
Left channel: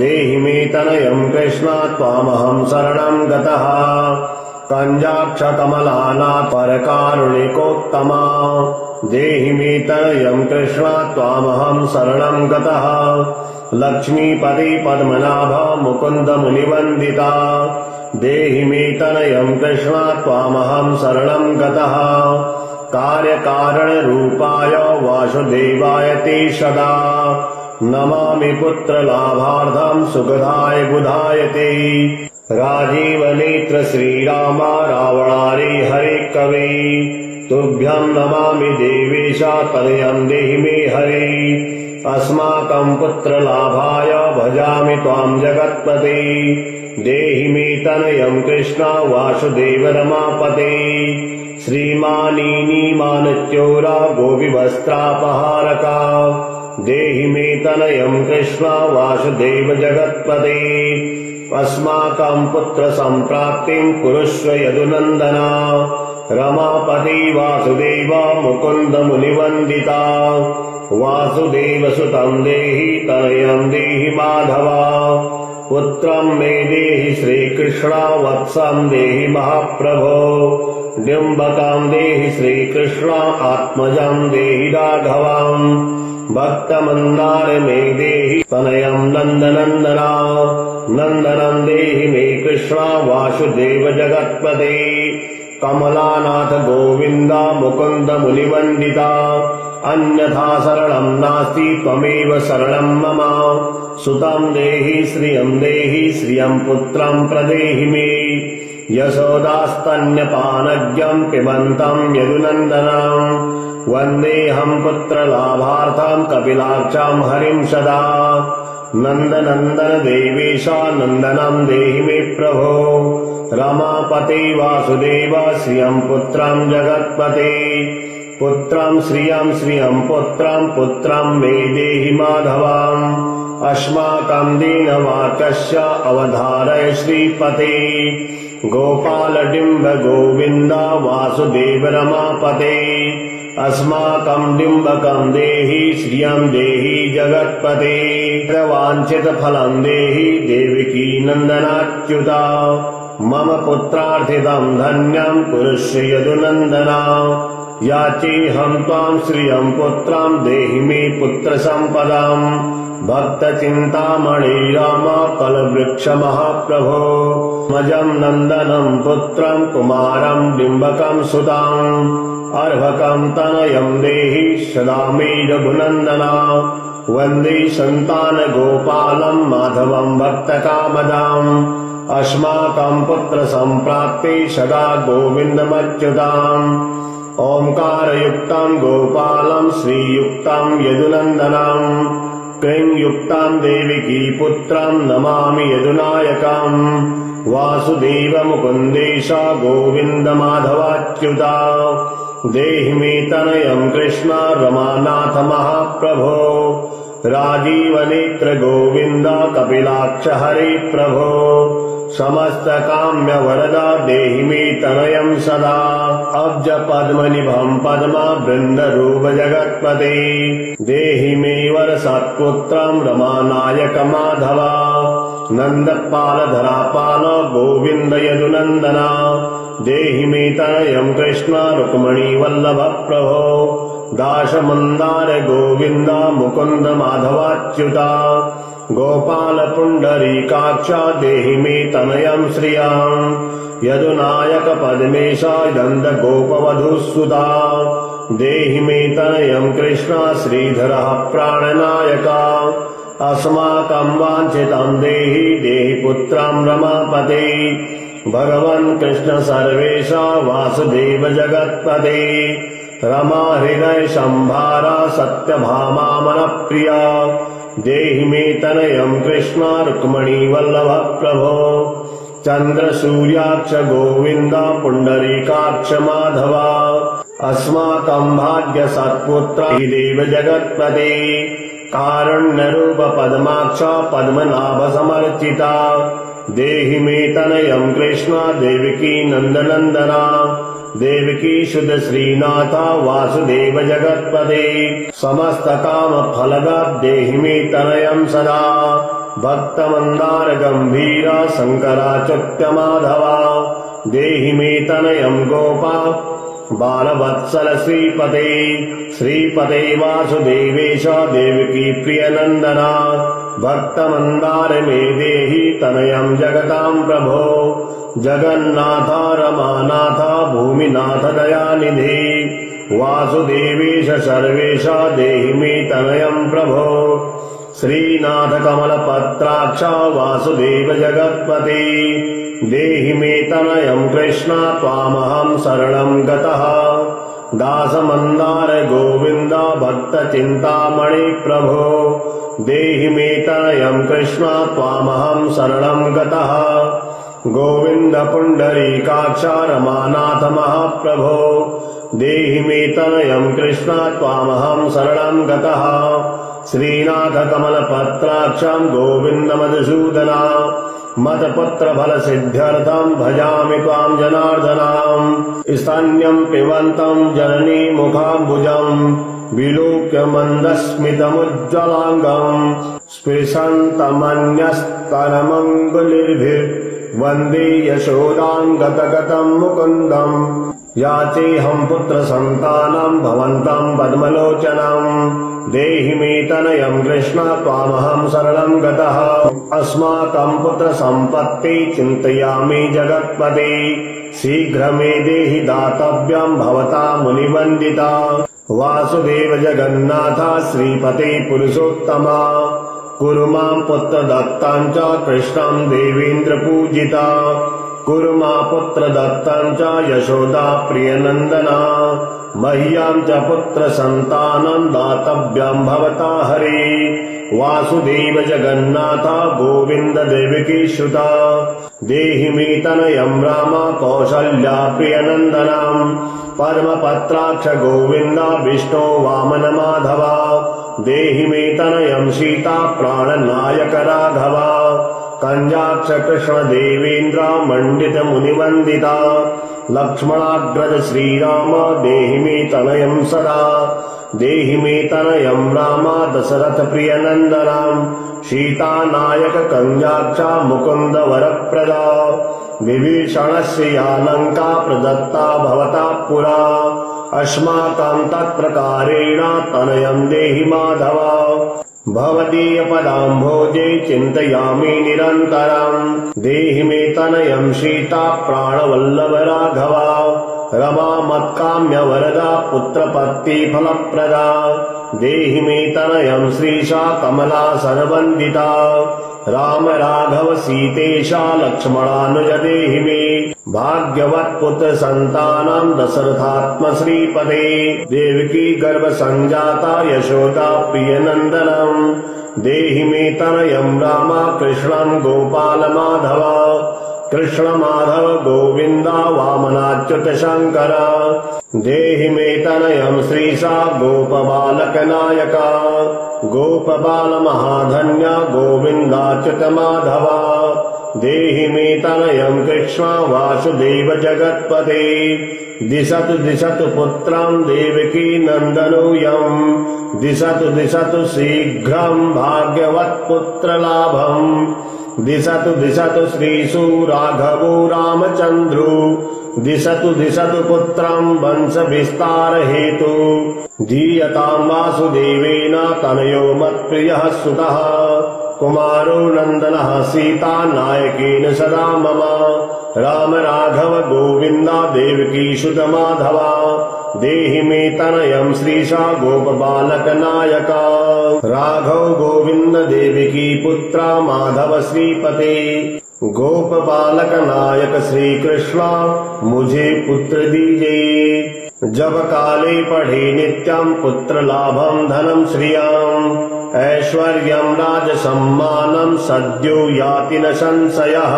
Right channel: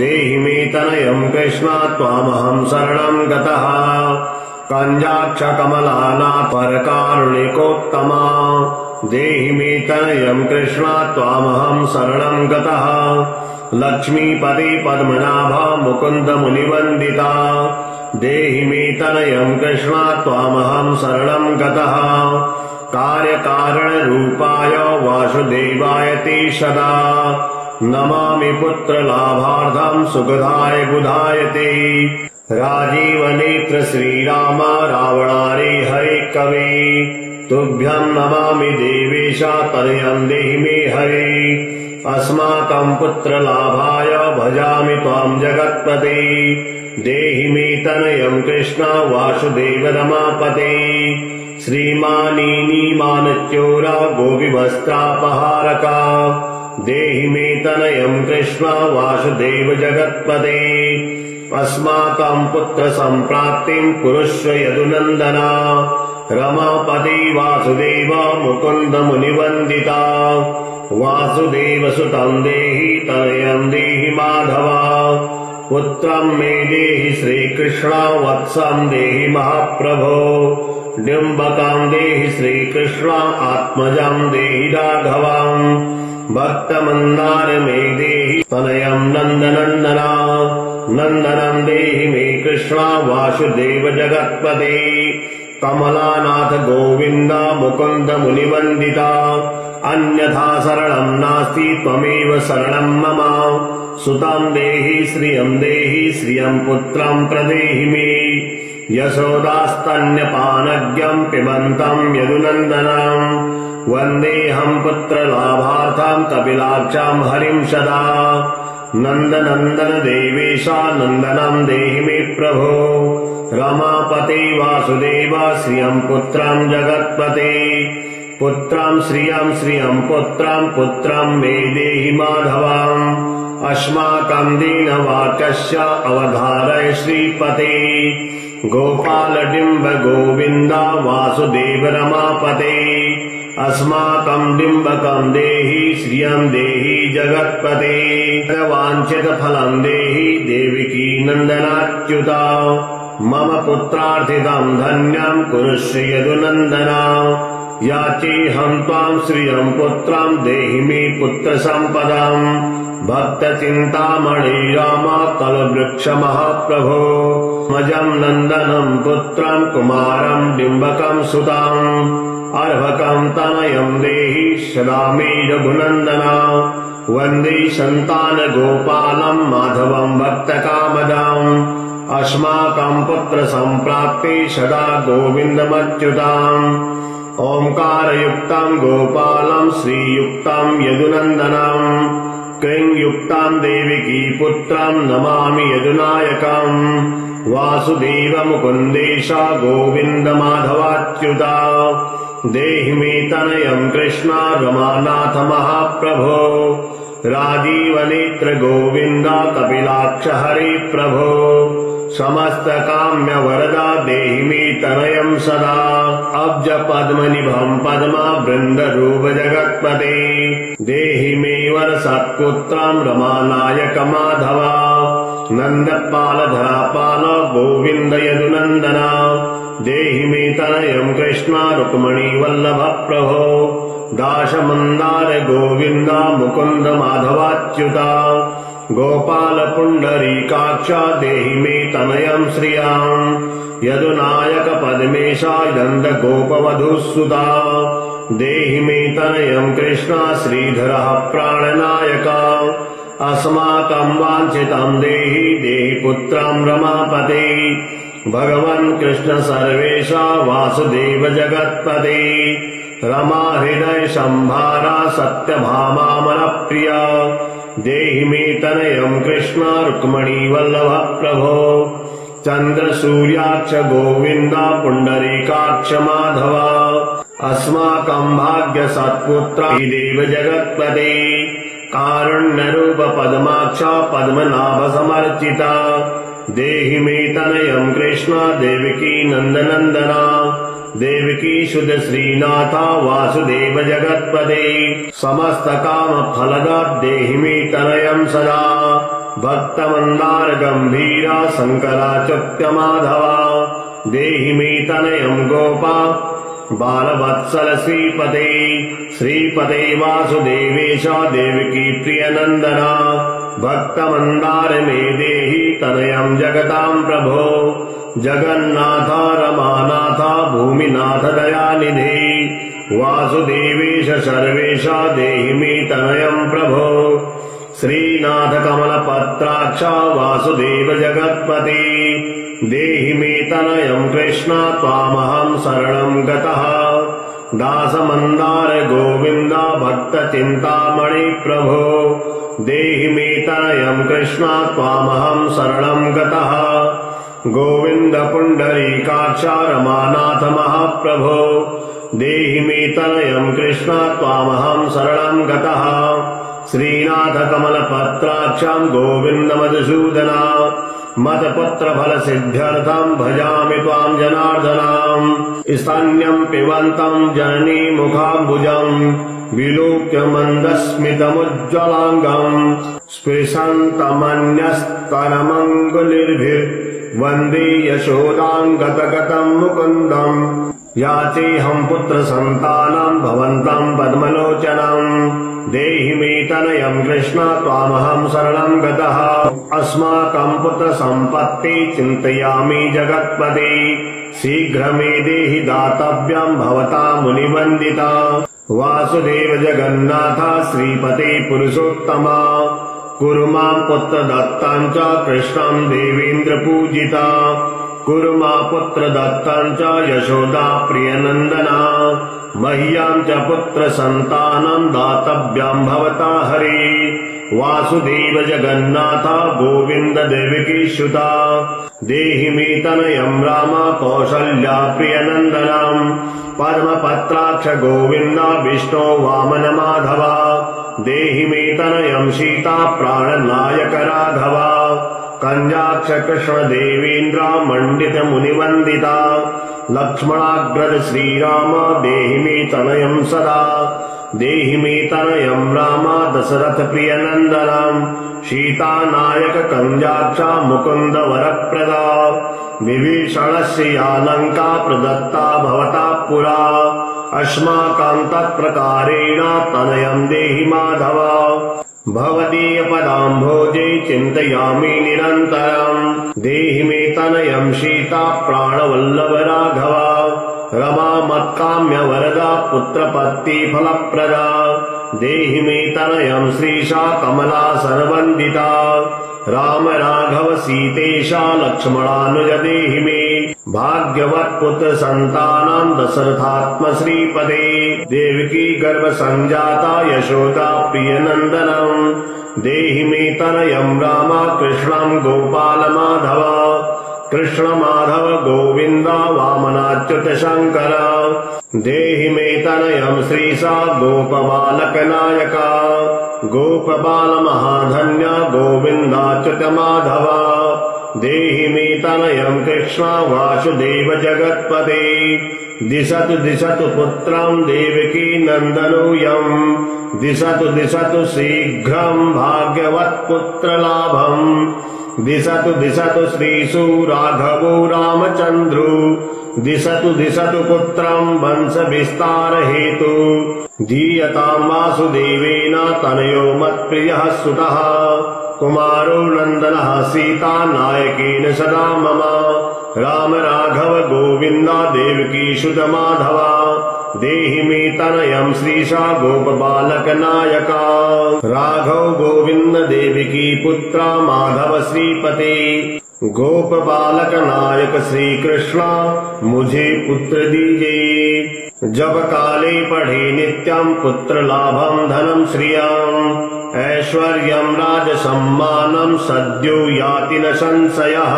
देहि मे तनयम् कृष्ण त्वामहम् शरणम् गतः कञ्जाक्ष कमलानाथ परकारुणिकोत्तमा देहि मे तनयम् कृष्ण त्वामहम् शरणम् गतः लक्ष्मीपते पद्मनाभ मुकुन्द मुनिवन्दिता देहि मे तनयम् कृष्ण त्वामहम् शरणम् गतः कार्यकारणरूपाय वासुदेवाय ते सदा नमामि पुत्रलाभार्थम् सुखदाय बुधाय ते राजीवनेत्र श्रीराम रावणारे हरे कवे तुभ्यम् नमामि देवेश तनयम् देहि मे हरे अस्माकम् पुत्रलाभाय भजामि त्वाम् जगत्पते देहि मे तनयम् कृष्ण वासुदेव रमापते श्रीमानीमानच्योरा गोपिवस्त्रापहारका देहि मे तनयम् कृष्ण वासुदेव जगत्पते अस्माकम् पुत्रसम्प्राप्तिम् कुरुष्व यदुनन्दना रमापते वासुदेव मुकुन्द मुनिवन्दिता वासुदेव सुतम् देहि तनयम् देहि माधवा पुत्रम् मे देहि श्रीकृष्ण वत्सम् देहि महाप्रभो डिम्बकम् देहि श्रीकृष्ण आत्मजम् देहि राघवम् भक्तमन्दार मे देहि तनयम् नन्दनन्दना नन्दनम् देहि मे कृष्ण वासुदेव जगत्पते कमलानाथ गोविन्द मुकुन्द मुनिवन्दिता अन्यथा शरणम् नास्ति त्वमेव शरणम् मम सुतम् देहि श्रियम् पुत्रम् प्रदेहि मे यशोदास्तन्यपानज्ञम् पिबन्तम् यदुनन्दनम् वन्देऽहम् पुत्रलाभार्थम् कपिलाक्षम् हरिम् सदा नन्दनन्दन देवेश नन्दनम् देहि मे प्रभो रमापते वासुदेव श्रियम् पुत्रम् जगत्पते पुत्रम् श्रियम् पुत्रम् मे देहि माधवम् अस्माकम् दीनवाक्यस्य अवधारय श्रीपते गोपालडिम्ब गोविन्द वासुदेव रमापते अस्माकम् डिम्बकम् देहि श्रियम् देहि जगत्पते वाञ्छितफलम् देहि देवकी नन्दनाच्युता मम पुत्रार्थितम् धन्यम् कुरुष्व यदुनन्दना याचेऽहम् त्वाम् श्रियम् पुत्रम् देहि मे पुत्रसम्पदाम् भक्तचिन्तामणि राम कलवृक्ष महाप्रभो मजम् नन्दनम् पुत्रम् कुमारम् डिम्बकम् सुताम् अर्भकम् तनयम् देहि सदा मे रघुनन्दना वन्दे सन्तान गोपालम् माधवम् भक्तकामदाम् अस्माकम् पुत्रसम्प्राप्ते सदा गोविन्दमच्युताम् ओङ्कारयुक्तम् गोपालम् श्रीयुक्तम् यदुनन्दनम् क्लीङ्युक्तम् देवकी पुत्रम् नमामि यदुनायकम् वासुदेव मुकुन्देश गोविन्द माधवाच्युता देहि मे तनयम् कृष्ण रमानाथ महाप्रभो राजीवनेत्र गोविन्द कपिलाक्ष हरे प्रभो समस्त काम्य वरदा देहि मे तनयम् सदा अब्ज पद्मनिभम् पद्मा वृन्दरूप जगत्पते देहि मे वर सत्पुत्रम् रमानायक माधवा नन्दपालधरापाल गोविन्द यदुनन्दना देहि मे तनयम् कृष्ण रुक्मिणी वल्लभ प्रभो दाशमन्दार गोविन्द मुकुन्द माधवाच्युता गोपाल पुण्डरीकाक्ष देहि मे तनयम् श्रियाम् यदुनायक पद्मेशा नन्द गोपवधूसुता देहि मे तनयम् कृष्ण श्रीधरः प्राणनायका अस्माकं वाञ्छितं देहि देहि पुत्रं रमापते भगवन् कृष्ण सर्वेशा वासुदेव जगत्पते रमा हृदय संभारा सत्यभामामनप्रिया देहि मे तनयम् कृष्ण रुक्मिणी वल्लभ प्रभो चन्द्र सूर्याक्ष गोविन्द पुण्डरीकाक्ष माधवा अस्माकं भाग्य सत्पुत्र देव जगत्पते कारुण्यरूप पद्माक्ष पद्मनाभ समर्चिता देहि मे तनयम् कृष्ण देवकी नन्दनन्दना देवकी शुद्ध श्रीनाथ वासुदेव जगत्पते समस्त काम फलदा देहि मे तनयम् सदा भक्त मंदार गंभीरा शंकराच्युत माधवा देहि मे तनयम् गोपा बालवत्सल श्रीपते श्रीपते वासुदेवेश देवकी प्रियनन्दना भक्तमन्दार मे देहि तनयम् जगताम् प्रभो जगन्नाथ रमानाथ भूमिनाथ दयानिधि वासुदेवेश सर्वेश देहि मे तनयम् प्रभो श्रीनाथ कमलपत्राक्ष वासुदेव जगत्पते देहि मे तनयम् कृष्ण त्वामहं शरणं गतः दासमन्दार गोविन्द भक्त चिन्तामणि प्रभो देहि मे तनयम् कृष्ण त्वामहं शरणं गतः गोविन्द पुण्डरीकाक्ष रमानाथ महाप्रभो देहि मे तनयम् कृष्ण त्वामहं शरणं गतः श्रीनाथ कमलपत्राक्षं गोविन्द मधुसूदना मतपुत्र फल सिद्ध्यर्थं भजामि त्वां जनार्दनाम् स्तन्यं पिबन्तं जननी मुखाम्बुजं विलोक्य मन्दस्मितमुज्ज्वलाङ्गम् स्पृशन्तमन्यस्तनमङ्गुलिर्भिर्वन्दे यशोदां गतगतं मुकुन्दम् याचेऽहं पुत्र सन्तानं भवन्तं पद्मलोचनम् देहि मे तनयम् कृष्ण त्वामहं शरणं गतः अस्माकं पुत्र सम्पत्ति चिन्तयामि जगत्पते शीघ्र मे देहि दातव्यं भवता मुनिवन्दिता वासुदेव जगन्नाथ श्रीपते पुरुषोत्तमा कुरु मां पुत्र दत्तं च कृष्णं देवेन्द्र पूजिता कुरु मां पुत्र दत्तं च यशोदा प्रियनन्दना मह्यां च पुत्र सन्तानं दातव्यं भवता हरे वासुदेव जगन्नाथ गोविन्द देवकी सुता देहि मे तनयम् राम कौसल्या प्रियनन्दनम् पद्मपत्राक्ष गोविन्द विष्णो वामन माधवा देहि मे तनयम् सीता प्राणनायक राघवा कंजाक्ष कृष्ण देवेन्द्र मंडित मुनिवन्दिता लक्ष्मणाग्रज श्रीराम देहि मे तनयम् सदा देहि मे तनयम् राम दशरथ प्रियनन्दनम् सीता नायक कंजाक्ष मुकुन्द वरप्रदा विभीषणस्य या लङ्का प्रदत्ता भवता पुरा अस्माकं तत्प्रकारेण तनयम् देहि माधव भवदीय पदाम्भोजे चिन्तयामि निरन्तरम् देहि मे तनयम् सीता प्राणवल्लभ राघवा रमा मत्काम्य वरदा पुत्रपत्ति फलप्रदा देहि मे तनयम् श्रीशा कमला सर्वन्दिता राम राघव सीतेशा लक्ष्मणानुज देहि मे भाग्यवत् पुत्र सन्तानं दशरथात्म श्रीपदे देवकी गर्भ संजाता यशोदा प्रियनन्दनम् देहि मे तनयम् राम कृष्णं गोपाल माधव कृष्ण माधव गोविन्द वामनाच्युत शङ्कर देहि मे तनयम् श्रीशा गोपबालक नायका गोपबाल महाधन्य गोविन्दाच्युत माधव देहि मे तनयम् कृष्ण वासुदेव जगत्पते दिशतु दिशतु पुत्रं देवकी नन्दनोऽयम् दिशतु दिशतु शीघ्रं भाग्यवत् पुत्रलाभम् दिशतु दिशतु श्रीषु राघवो रामचन्द्रो दिशतु दिशतु पुत्रम् वंशविस्तारहेतु धीयताम् वासुदेवेन तनयो मत्प्रियः सुतः कुमारो नन्दनः सीता नायकेन सदा मम राम राघव गोविन्द देवकी सुत माधव देहि मे तनयम् श्रीशा गोपबालक नायका राघव गोविन्द देवकी पुत्र माधव श्रीपते गोप बालक नायक श्री कृष्ण मुझे पुत्र दीजिए जब काले पढ़े नित्यं पुत्र लाभं धनं श्रियम् ऐश्वर्यं राज सम्मानं सद्यो याति न संशयः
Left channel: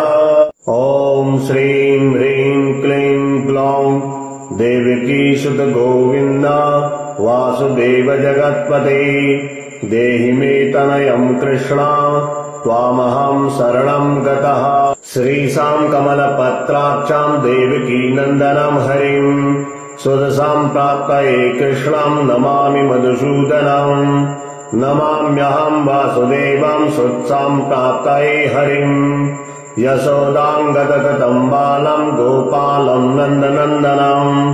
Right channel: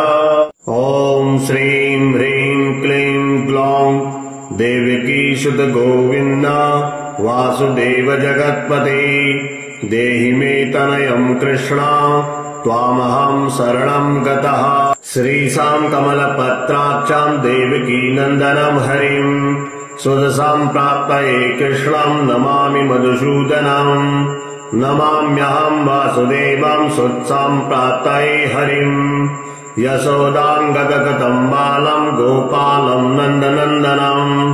ॐ श्रीं ह्रीं क्लीं ग्लौं देवकी सुत गोविन्द वासुदेव जगत्पते देहि मे तनयं कृष्ण त्वामहं शरणं गतः श्रीशां कमलपत्राक्षां देवकी नन्दनं हरिं सुदसां प्राप्तये कृष्णं नमामि मधुसूदनं नमाम्यहं वासुदेवं सुत्सां प्राप्तये हरिं यशोदां गतगतं बालं गोपालं नन्दनन्दनम्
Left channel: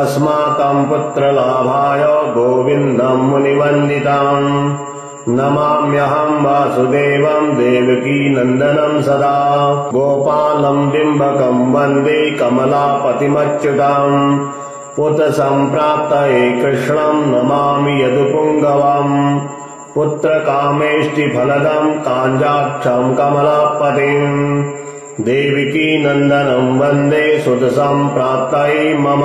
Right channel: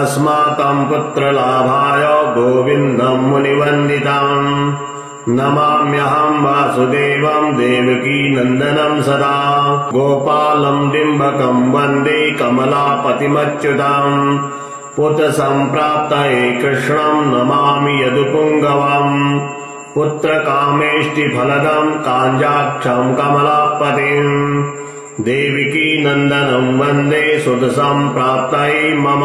अस्माकं पुत्रलाभाय गोविन्दं मुनिवन्दितम् नमाम्यहं वासुदेवं देवकी नन्दनं सदा गोपालं डिम्बकं वन्दे कमलापतिमच्युतम् पुत्रसम्प्राप्तये कृष्णं नमामि यदुपुङ्गवम् पुत्रकामेष्टिफलदं काञ्जाक्षं कमलापतिम् देवकी नन्दनं वन्दे सुतसम्प्राप्तये मम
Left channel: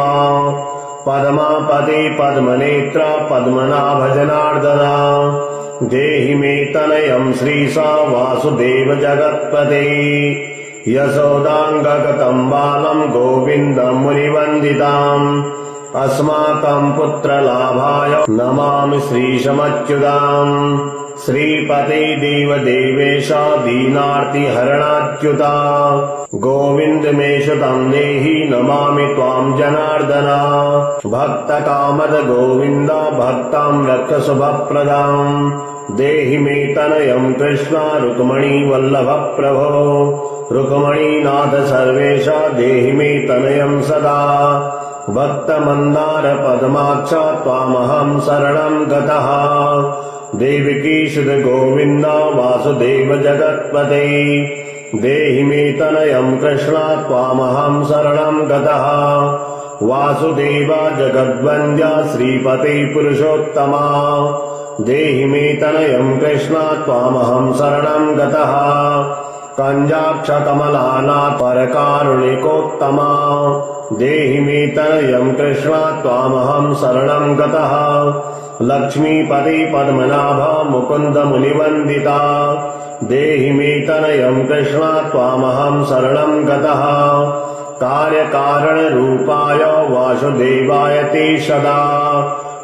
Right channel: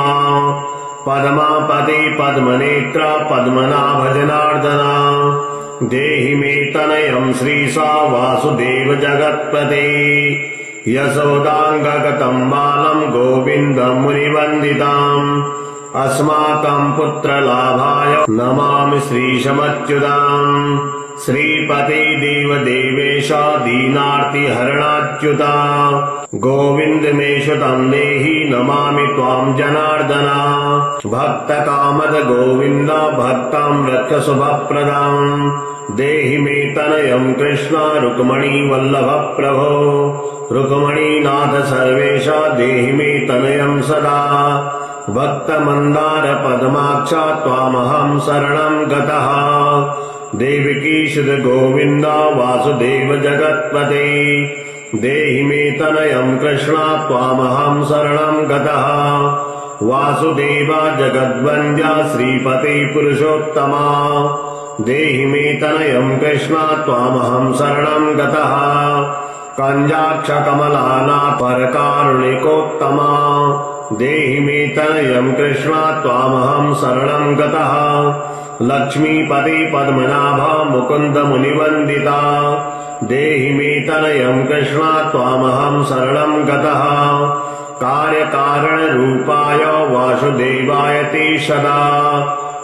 पद्मापते पद्मनेत्र पद्मनाभजनार्दना देहि मे तनयं श्रीशा वासुदेव जगत्पते यशोदाङ्गगतं बालं गोविन्दं मुनिवन्दिताम् अस्माकं पुत्रलाभाय नमामि श्रीशमच्युताम् श्रीपते देवदेवेश दीनार्तिहरणाच्युता गोविन्द मे सुतं देहि नमामि त्वां जनार्दन भक्तकामद गोविन्द भक्तं रक्ष शुभप्रदम् देहि मे तनयं कृष्ण रुक्मणी वल्लभ प्रभो रुक्मणीनाथ सर्वेश देहि मे तनयं सदा भक्तमन्दार पद्माक्ष त्वामहं शरणं गतः देवकी सुत गोविन्द वासुदेव जगत्पते देहि मे तनयं कृष्ण त्वामहं शरणं गतः वासुदेव जगद्वन्द्य श्रीपते पुरुषोत्तमा देहि मे तनयं कृष्ण त्वामहं शरणं गतः कञ्जाक्ष कमलानाथ परकारुणिकोत्तमा देहि मे तनयं कृष्ण त्वामहं शरणं गतः लक्ष्मीपते पद्मनाभ मुकुन्द मुनिवन्दिता देहि मे तनयं कृष्ण त्वामहं शरणं गतः कार्यकारणरूपाय वासुदेवाय ते सदा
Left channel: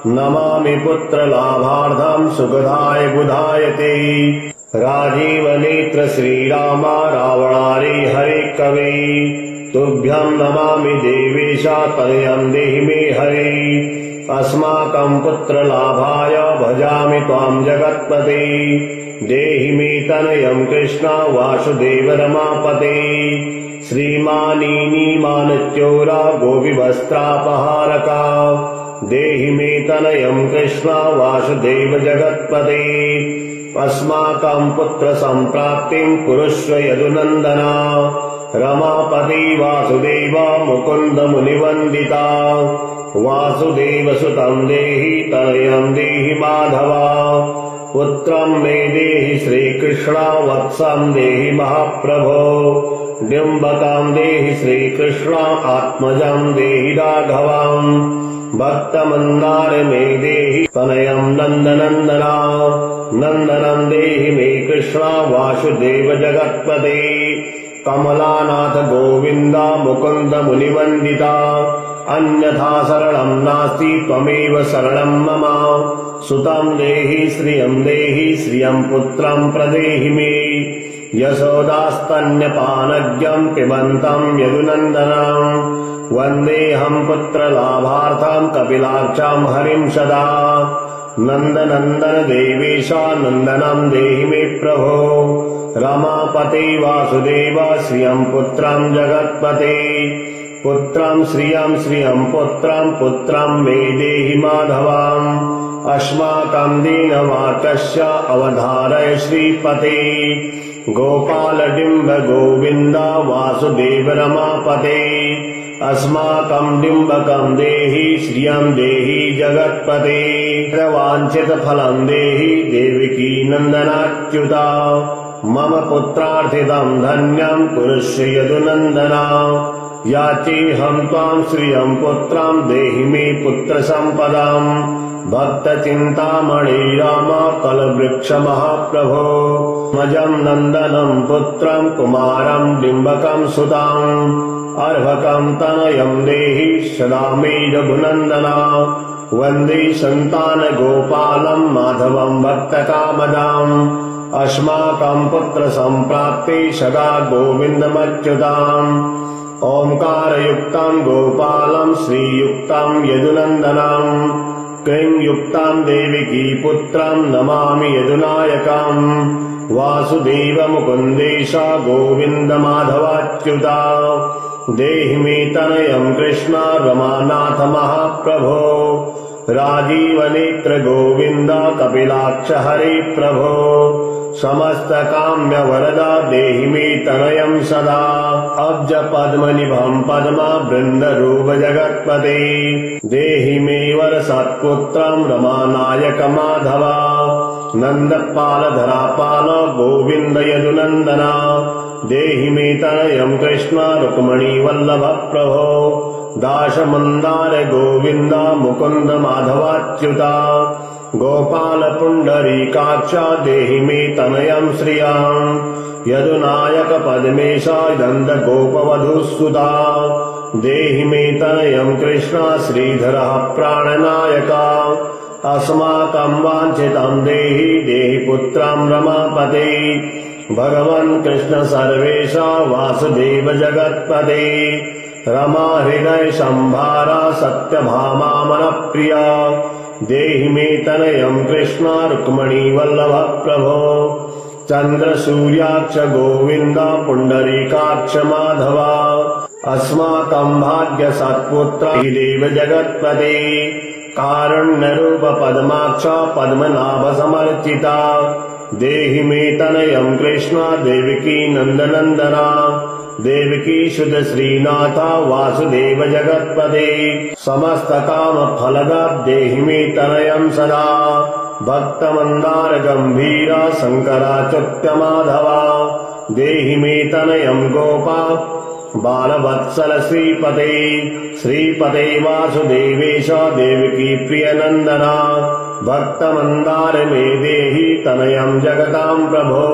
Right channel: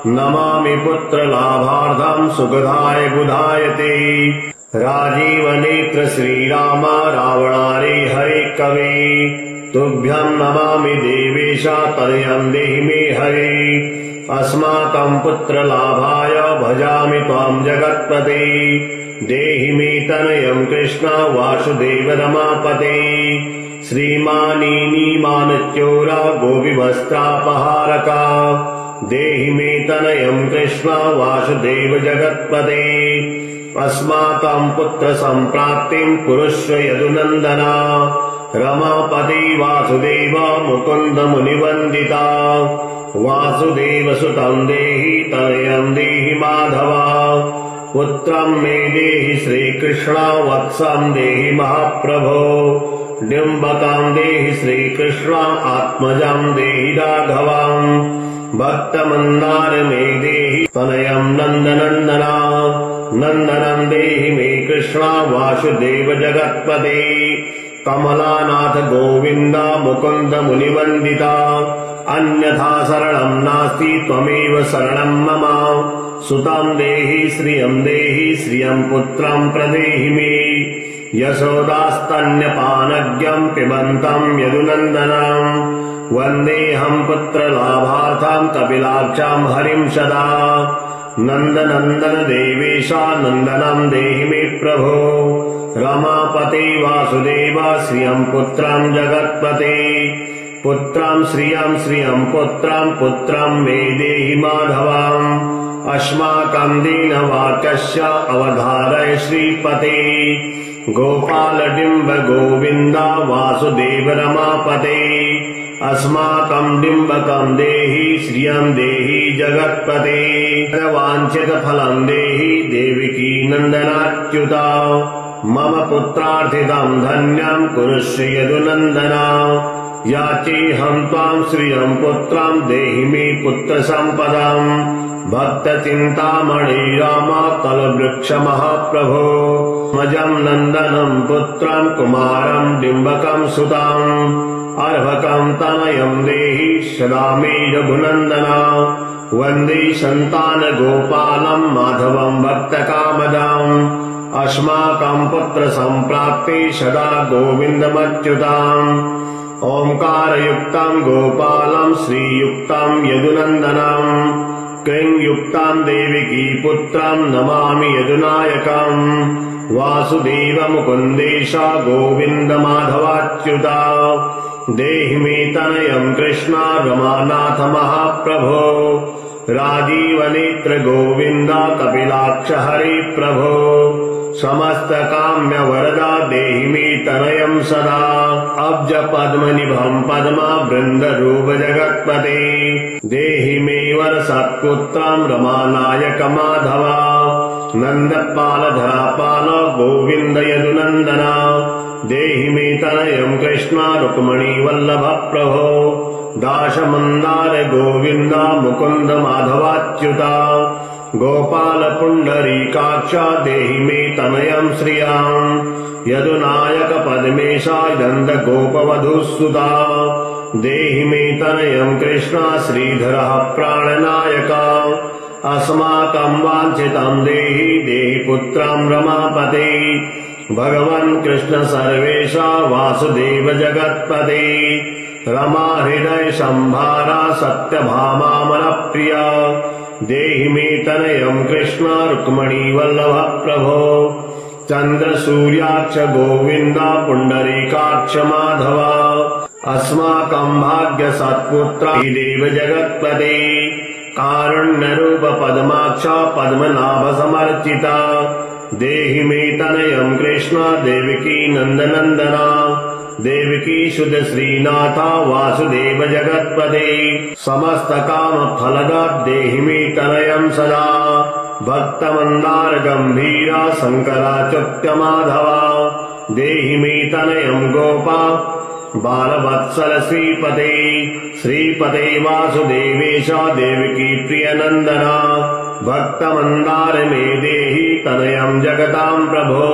नमामि पुत्रलाभार्थं सुखदाय बुधाय ते राजीवनेत्र श्रीराम रावणारे हरे कवे तुभ्यं नमामि देवेश तनयं देहि मे हरे अस्माकं पुत्रलाभाय भजामि त्वां जगत्पते देहि मे तनयं कृष्ण वासुदेव रमापते श्रीमानीमानच्योरा गोपिवस्त्रापहारका देहि मे तनयं कृष्ण वासुदेव जगत्पते अस्माकं पुत्रसम्प्राप्तिं कुरुष्व यदुनन्दना रमापते वासुदेव मुकुन्द मुनिवन्दिता वासुदेव सुतं देहि तनयं देहि माधव पुत्रं मे देहि श्रीकृष्ण वत्सं देहि महाप्रभो डिम्बकं देहि श्रीकृष्ण आत्मजं देहि राघवम् भक्तमन्दार मे देहि तनयं नन्दनन्दना नन्दनं देहि मे कृष्ण वासुदेव जगत्पते कमलानाथ गोविन्द मुकुन्द मुनिवन्दिता अन्यथा शरणं नास्ति त्वमेव शरणं मम सुतं देहि श्रियं पुत्रं प्रदेहि मे यशोदास्तन्यपानज्ञं पिबन्तं यदुनन्दनं वन्देऽहं पुत्रलाभार्थं कपिलाक्षां हरिं सदा नन्दनन्दन देवेशा नन्दनं देहि मे प्रभो रमापते वासुदेव श्रियं पुत्रं जगत्पते पुत्रं श्रियं पुत्रं मे देहि माधवम् अस्माकं दीनवाक्यस्य अवधारय श्रीपते गोपालडिम्ब गोविन्द वासुदेव रमापते अस्माकं डिम्बकं देहि श्रियं देहि जगत्पते वाञ्छितफलं देहि देवकी नन्दनाच्युता मम पुत्रार्थितं धन्यं कुरुष्व यदुनन्दना याचेऽहं त्वां श्रियं पुत्रं देहि मे पुत्रसम्पदाम् भक्तचिन्तामणि राम कलवृक्ष महाप्रभो मजं नन्दनं पुत्रं कुमारं डिम्बकं सुताम् अर्भकं तनयं देहि सदा मे रघुनन्दना वन्दे सन्तानगोपालं माधवं भक्तकामदाम् अस्माकं पुत्रसम्प्राप्ते सदा गोविन्दमच्युताम् ओंकारयुक्तं गोपालं श्रीयुक्तं यदुनन्दनम् क्लींयुक्तं देवकी पुत्रं नमामि यदुनायकम् वासुदेव मुकुन्देश गोविन्द माधवाच्युता देहि मे तनयं कृष्ण रमानाथ महाप्रभो राजीवनेत्र गोविन्द कपिलाक्ष हरे प्रभो समस्त काम्य वरदा देहि मे तनयं सदा अब्ज पद्मनिभं पद्मा वृन्दरूप जगत्पते देहि मे वर सत्पुत्रं रमानायक माधवा नन्दपाल धरापाल गोविन्द यदुनन्दना देहि मे तनयं कृष्ण रुक्मणी वल्लभ प्रभो दाशमन्दार गोविन्द मुकुन्द माधवाच्युता गोपाल पुण्डरीकाक्ष देहि मे तनयं श्रियाम् यदुनायक पद्मेशा नन्द गोपवधूसुता देहि मे तनयं कृष्ण श्रीधरः प्राणनायका अस्माकं वाञ्छितं देहि देहि पुत्रं रमापते भगवन् कृष्ण सर्वेशा वासुदेव जगत्पते रमा हृदय संभारा सत्यभामा मनप्रिया देहि मे तनयं कृष्ण रुक्मणी वल्लभ प्रभो चन्द्र सूर्याक्ष गोविन्द पुण्डरीकाक्ष माधवा अस्माकं भाग्य सत्पुत्र देव जगत्पते कारुण्यरूप पद्माक्ष पद्मनाभ समर्चिता देहि मे तनयं कृष्ण देवकी नन्दनन्दना देवकी सुत श्रीनाथ वासुदेव जगत्पते समस्त काम फलदा देहि मे तनयं सदा भक्तमन्दार गंभीरा शंकराच्युत माधवा देहि मे तनयं गोपा बालवत्सल श्रीपते श्रीपते वासुदेवेश देवकी प्रियनन्दना भक्तमन्दार मे देहि तनयं जगतां प्रभो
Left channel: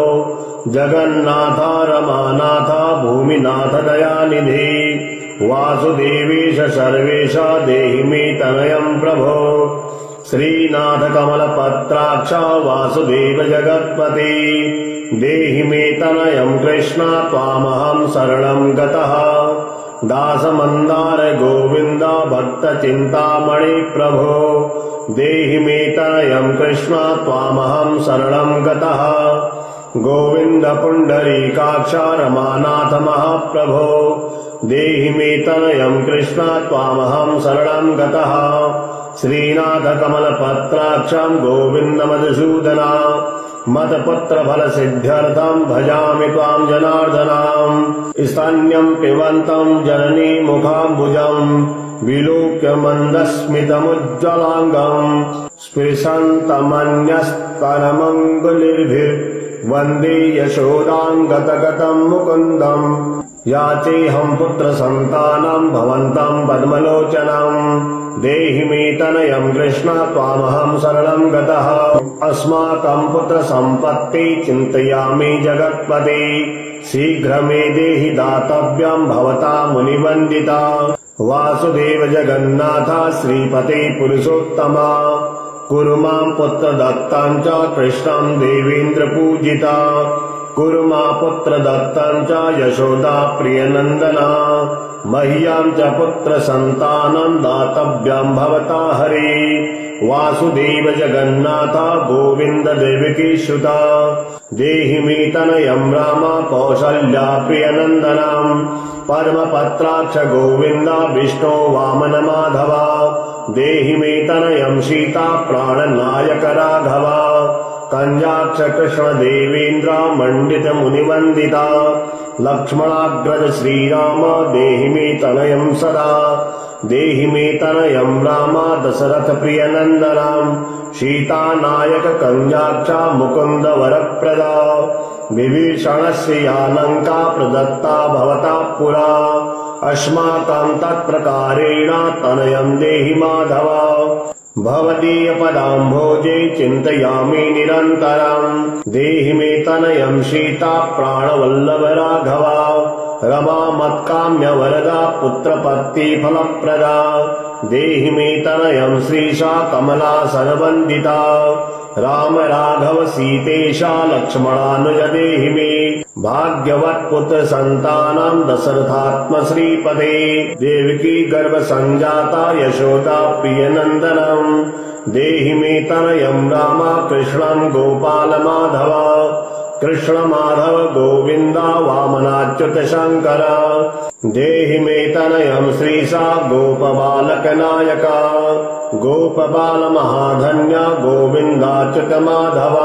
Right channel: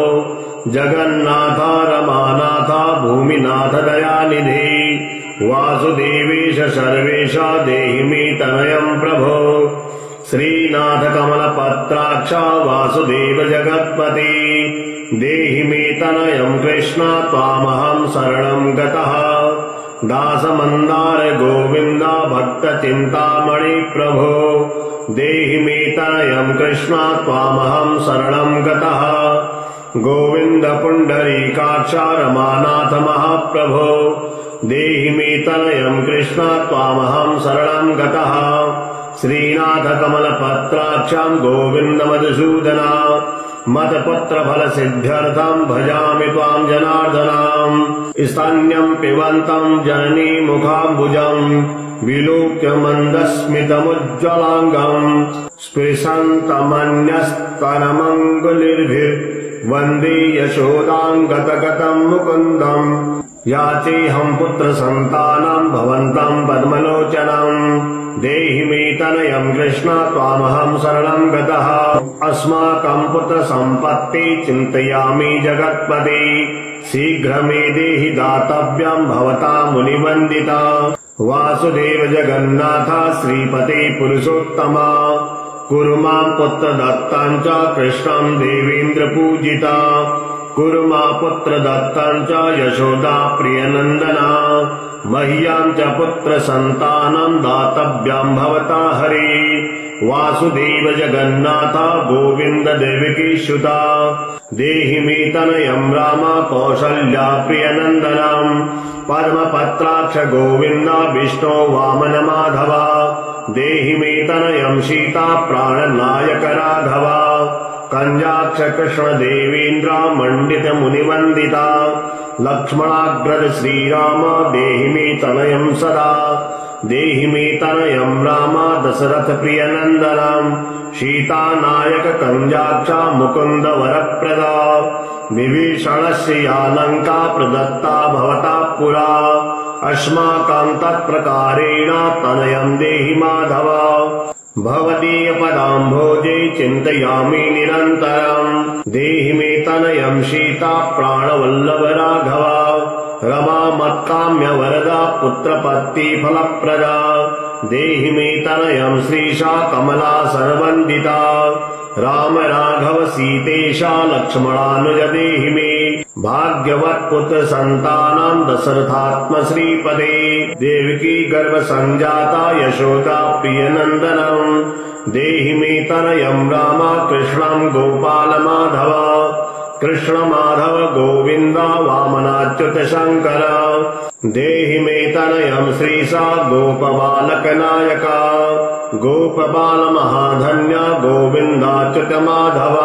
जगन्नाथ रमानाथ भूमिनाथ दयानिधि वासुदेवेश सर्वेश देहि मे तनयं प्रभो श्रीनाथ कमलपत्राक्ष वासुदेव जगत्पते देहि मे तनयं कृष्ण त्वामहं शरणं गतः दासमन्दार गोविन्द भक्तचिन्तामणि प्रभो देहि मे तनयं कृष्ण त्वामहं शरणं गतः गोविन्द पुण्डरीकाक्ष रमानाथ महाप्रभो देहि मे तनयं कृष्ण त्वामहं शरणं गतः श्रीनाथ कमलपत्राक्षं गोविन्द मधुसूदना मतपुत्र फल सिद्ध्यर्थं भजामि त्वां जनार्दनाम् स्तन्यं पिबन्तं जननी मुखाम्बुजं विलोक्य मन्दस्मितमुज्ज्वलाङ्गम् स्पृशन्तमन्यस्तनमङ्गुलिर्भिर्वन्दे यशोदां गतगतं मुकुन्दम् याचेऽहं पुत्रसन्तानं भवन्तं पद्मलोचनम् देहि मे तनयं कृष्ण त्वामहं शरणं गतः अस्माकं पुत्रसम्पत्ति चिन्तयामि जगत्पते शीघ्र मे देहि दातव्यं भवता मुनिवन्दिता वासुदेव जगन्नाथ श्रीपते पुरुषोत्तमा कुरु मां पुत्रदत्तं च कृष्णं देवेन्द्र पूजिता कुर्मा पुत्रदत्तं च यशोदा प्रियनन्दना मह्यं च पुत्रसन्तानं दातव्यं भवता हरि वासुदेव जगन्नाथ गोविन्द देवकी सुता देहि मे तनयं राम कौसल्या प्रियनन्दनं पद्मपत्राक्ष गोविन्द विष्णो वामन माधव देहि मे तनयं सीता प्राणनायक राघव कंजाक्ष कृष्ण देवेन्द्र मंडित मुनिवंदिता लक्ष्मणाग्रज श्रीराम देहि मे तनयं सदा देहि मे तनयं राम दशरथ प्रियनन्दनं सीता नायक कंजाक्ष मुकुंद वरप्रदा विभीषणस्य या लंका प्रदत्ता भवता पुरा अस्माकं तत्प्रकारेण तनयं देहि माधव भवदीय पदाम्भोजे चिन्तयामि निरन्तरम् देहि मे तनयं सीता प्राणवल्लभ राघव रमा मत्काम्य वरदा पुत्रपत्ति फलप्रदा देहि मे तनयं श्रीशा कमला सर्वन्दिता राम राघव सीतेशा लक्ष्मणानुज देहि मे भाग्यवत् पुत्र संतानं दशरथात्म श्रीपदे देवकी गर्भ संजाता यशोदा प्रियनन्दनं देहि मे तनयं राम कृष्णं गोपाल माधव कृष्ण माधव गोविन्द वामनाच्युत शंकर देहि मे तनयं श्रीशा गोपबालक नायक गोपबाल महाधन्य गोविन्दाच्युत माधव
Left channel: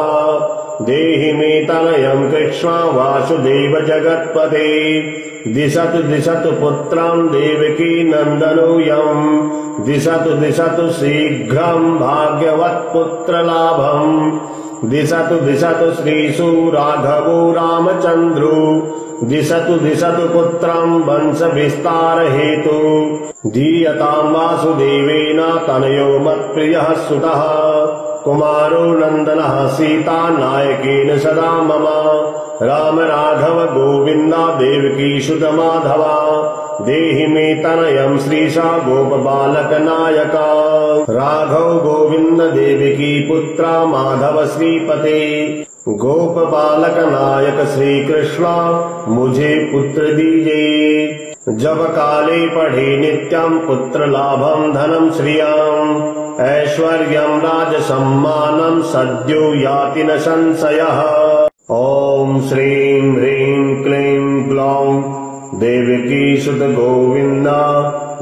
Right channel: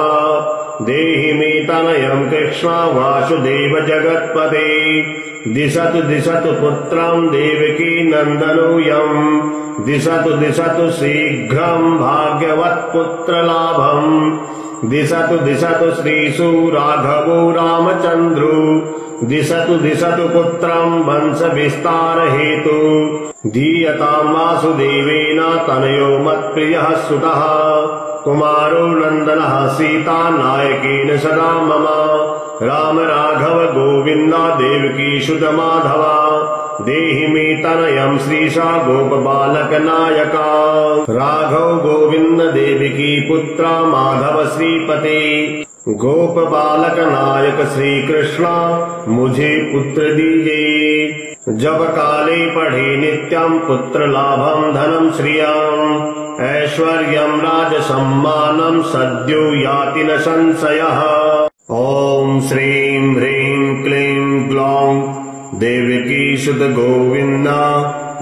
देहि मे तनयं कृष्ण वासुदेव जगत्पते दिशतु दिशतु पुत्रं देवकी नन्दनोऽयं दिशतु दिशतु शीघ्रं भाग्यवत्पुत्रलाभं दिशतु दिशतु श्रीषु राघवो रामचन्द्रो दिशतु दिशतु पुत्रं वंश विस्तार हेतु धीयतां वासुदेवेन तनयो मत्प्रियः सुतः कुमारो नन्दनः सीता नायकेन सदा मम राम राघव गोविन्द देवकी सुत माधव देहि मे तनयं श्रीशा गोपबालक नायक राघव गोविन्द देवकी पुत्र माधव श्रीपते गोप बालक नायक श्री कृष्ण मुझे पुत्र दीजिए जब काले पढ़े नित्यं पुत्र लाभं धनं श्रियं ऐश्वर्यं राज सम्मानं सद्यो याति न संशयः ॐ श्रीं ह्रीं क्लीं ग्लौं देवकी सुत गोविन्द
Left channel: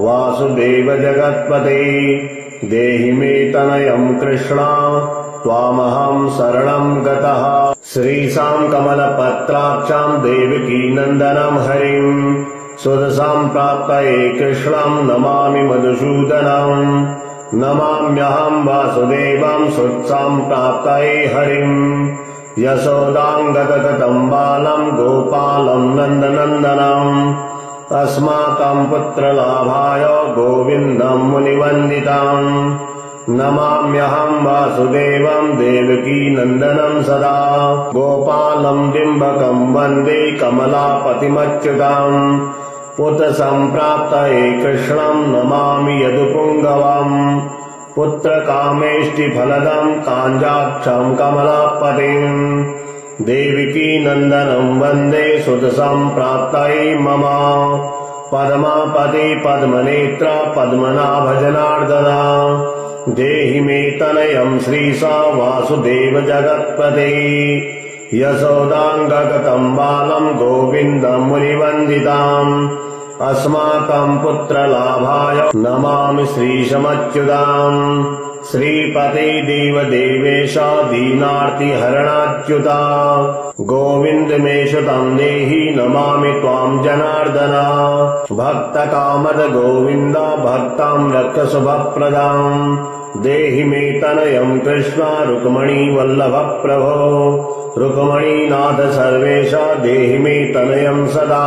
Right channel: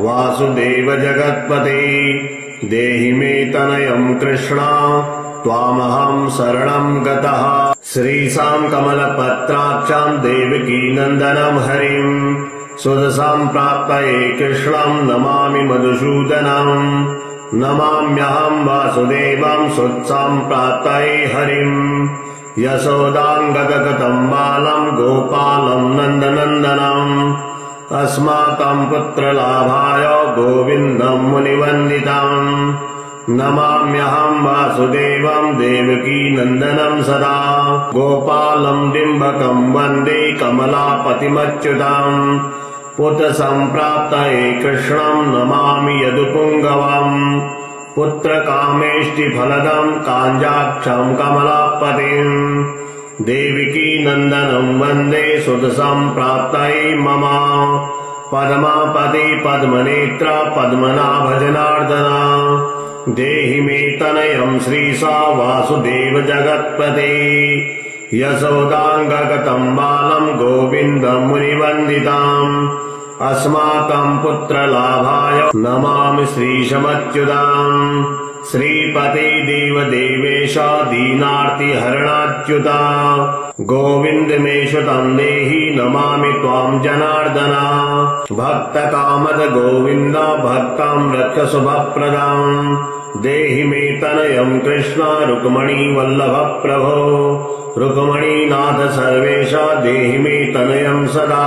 वासुदेव जगत्पते देहि मे तनयं कृष्ण त्वामहं शरणं गतः श्रीशां कमलपत्राक्षां देवकी नन्दनं हरिं सुदशां प्राप्तये कृष्णं नमामि मधुसूदनं नमाम्यहं वासुदेवं सुत्सां प्राप्तये हरिं यशोदां गतगतं बालं गोपालं नन्दनन्दनम् अस्माकं पुत्रलाभाय गोविन्दं मुनिवन्दितम् नमाम्यहं वासुदेवं देवकी नन्दनं सदा गोपालं डिम्बकं वन्दे कमलापतिमच्युतम् पुत्र सम्प्राप्तये कृष्णं नमामि यदुपुङ्गवम् पुत्रकामेष्टिफलदं काञ्जाक्षं कमलापतिम् देवकी नन्दनं वन्दे सुतसम्प्राप्तये मम पद्मापते पद्मनेत्र पद्मनाभ जनार्दना देहि मे तनयं श्रीशा वासुदेव जगत्पते यशोदाङ्गगतं बालं गोविन्दं मुनिवन्दिताम् अस्माकं पुत्रलाभाय नमामि श्रीशमच्युताम् श्रीपते देवदेवेश दीनार्तिहरणाच्युता गोविन्द मे सुतं देहि नमामि त्वां जनार्दन भक्तकामद गोविन्द भक्तं रक्ष शुभप्रदम् देहि मे तनयं कृष्ण रुक्मणी वल्लभ प्रभो रुक्मणीनाथ सर्वेश देहि मे तनयं सदा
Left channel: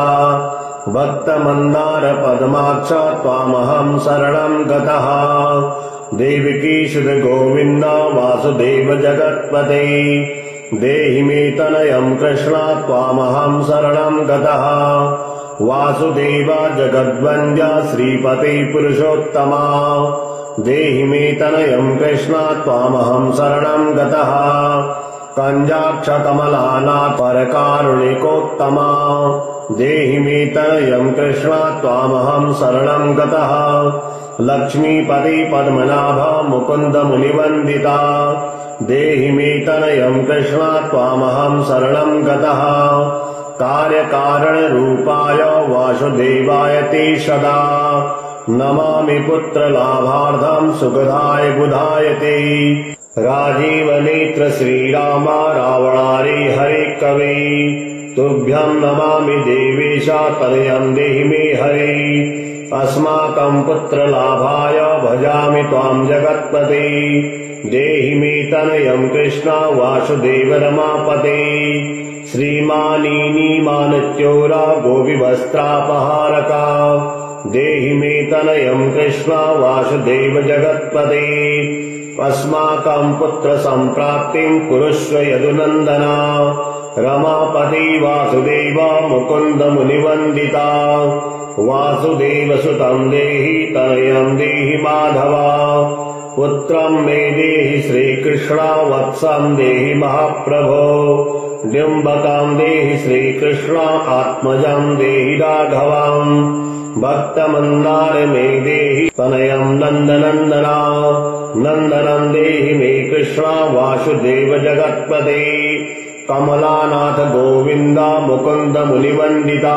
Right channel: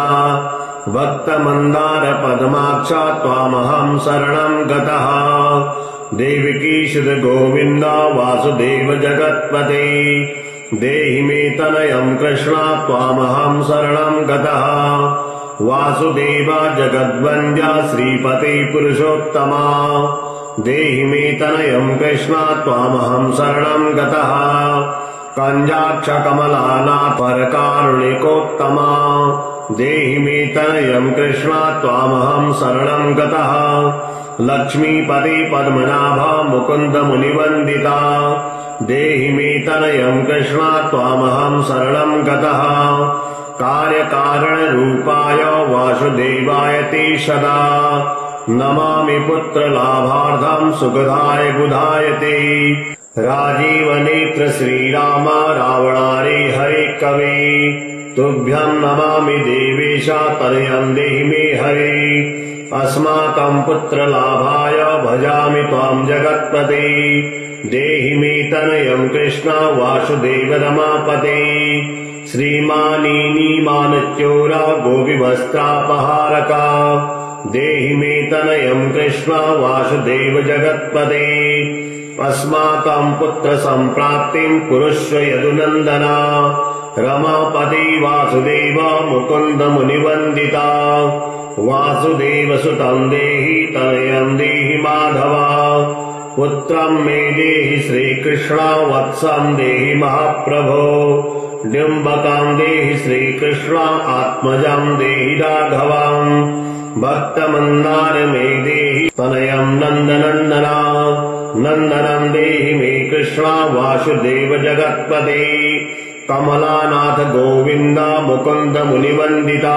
भक्तमन्दार पद्माक्ष त्वामहं शरणं गतः देवकी सुत गोविन्द वासुदेव जगत्पते देहि मे तनयं कृष्ण त्वामहं शरणं गतः वासुदेव जगद्वन्द्य श्रीपते पुरुषोत्तमा देहि मे तनयं कृष्ण त्वामहं शरणं गतः कञ्जाक्ष कमलानाथ परकारुणिकोत्तमा देहि मे तनयं कृष्ण त्वामहं शरणं गतः लक्ष्मीपति पद्मनाभ मुकुन्द मुनिवन्दिता देहि मे तनयं कृष्ण त्वामहं शरणं गतः कार्यकारणरूपाय वासुदेवाय ते सदा नमामि पुत्रलाभार्थं सुखदाय बुधाय ते राजीवनेत्र श्रीराम रावणारे हरे कवे तुभ्यं नमामि देवेश तनयं देहि मे हरे अस्माकं पुत्रलाभाय भजामि त्वां जगत्पते देहि मे तनयं कृष्ण वासुदेव रमापते श्रीमानीमानच्योरा गोपीवस्त्रापहारका देहि मे तनयं कृष्ण वासुदेव जगत्पते अस्माकं पुत्रसम्प्राप्तिं कुरुष्व यदुनन्दना रमापति वासुदेव मुकुन्द मुनिवन्दिता वासुदेवसुतं देहि तनयं देहि माधवा पुत्रं मे देहि श्रीकृष्ण वत्सं देहि महाप्रभो डिम्बकं देहि श्रीकृष्ण आत्मजं देहि राघवं भक्तमन्दार मे देहि तनयं नन्दनन्दना नन्दनं देहि मे कृष्ण वासुदेव जगत्पते कमलानाथ गोविन्द मुकुन्द मुनिवन्दिता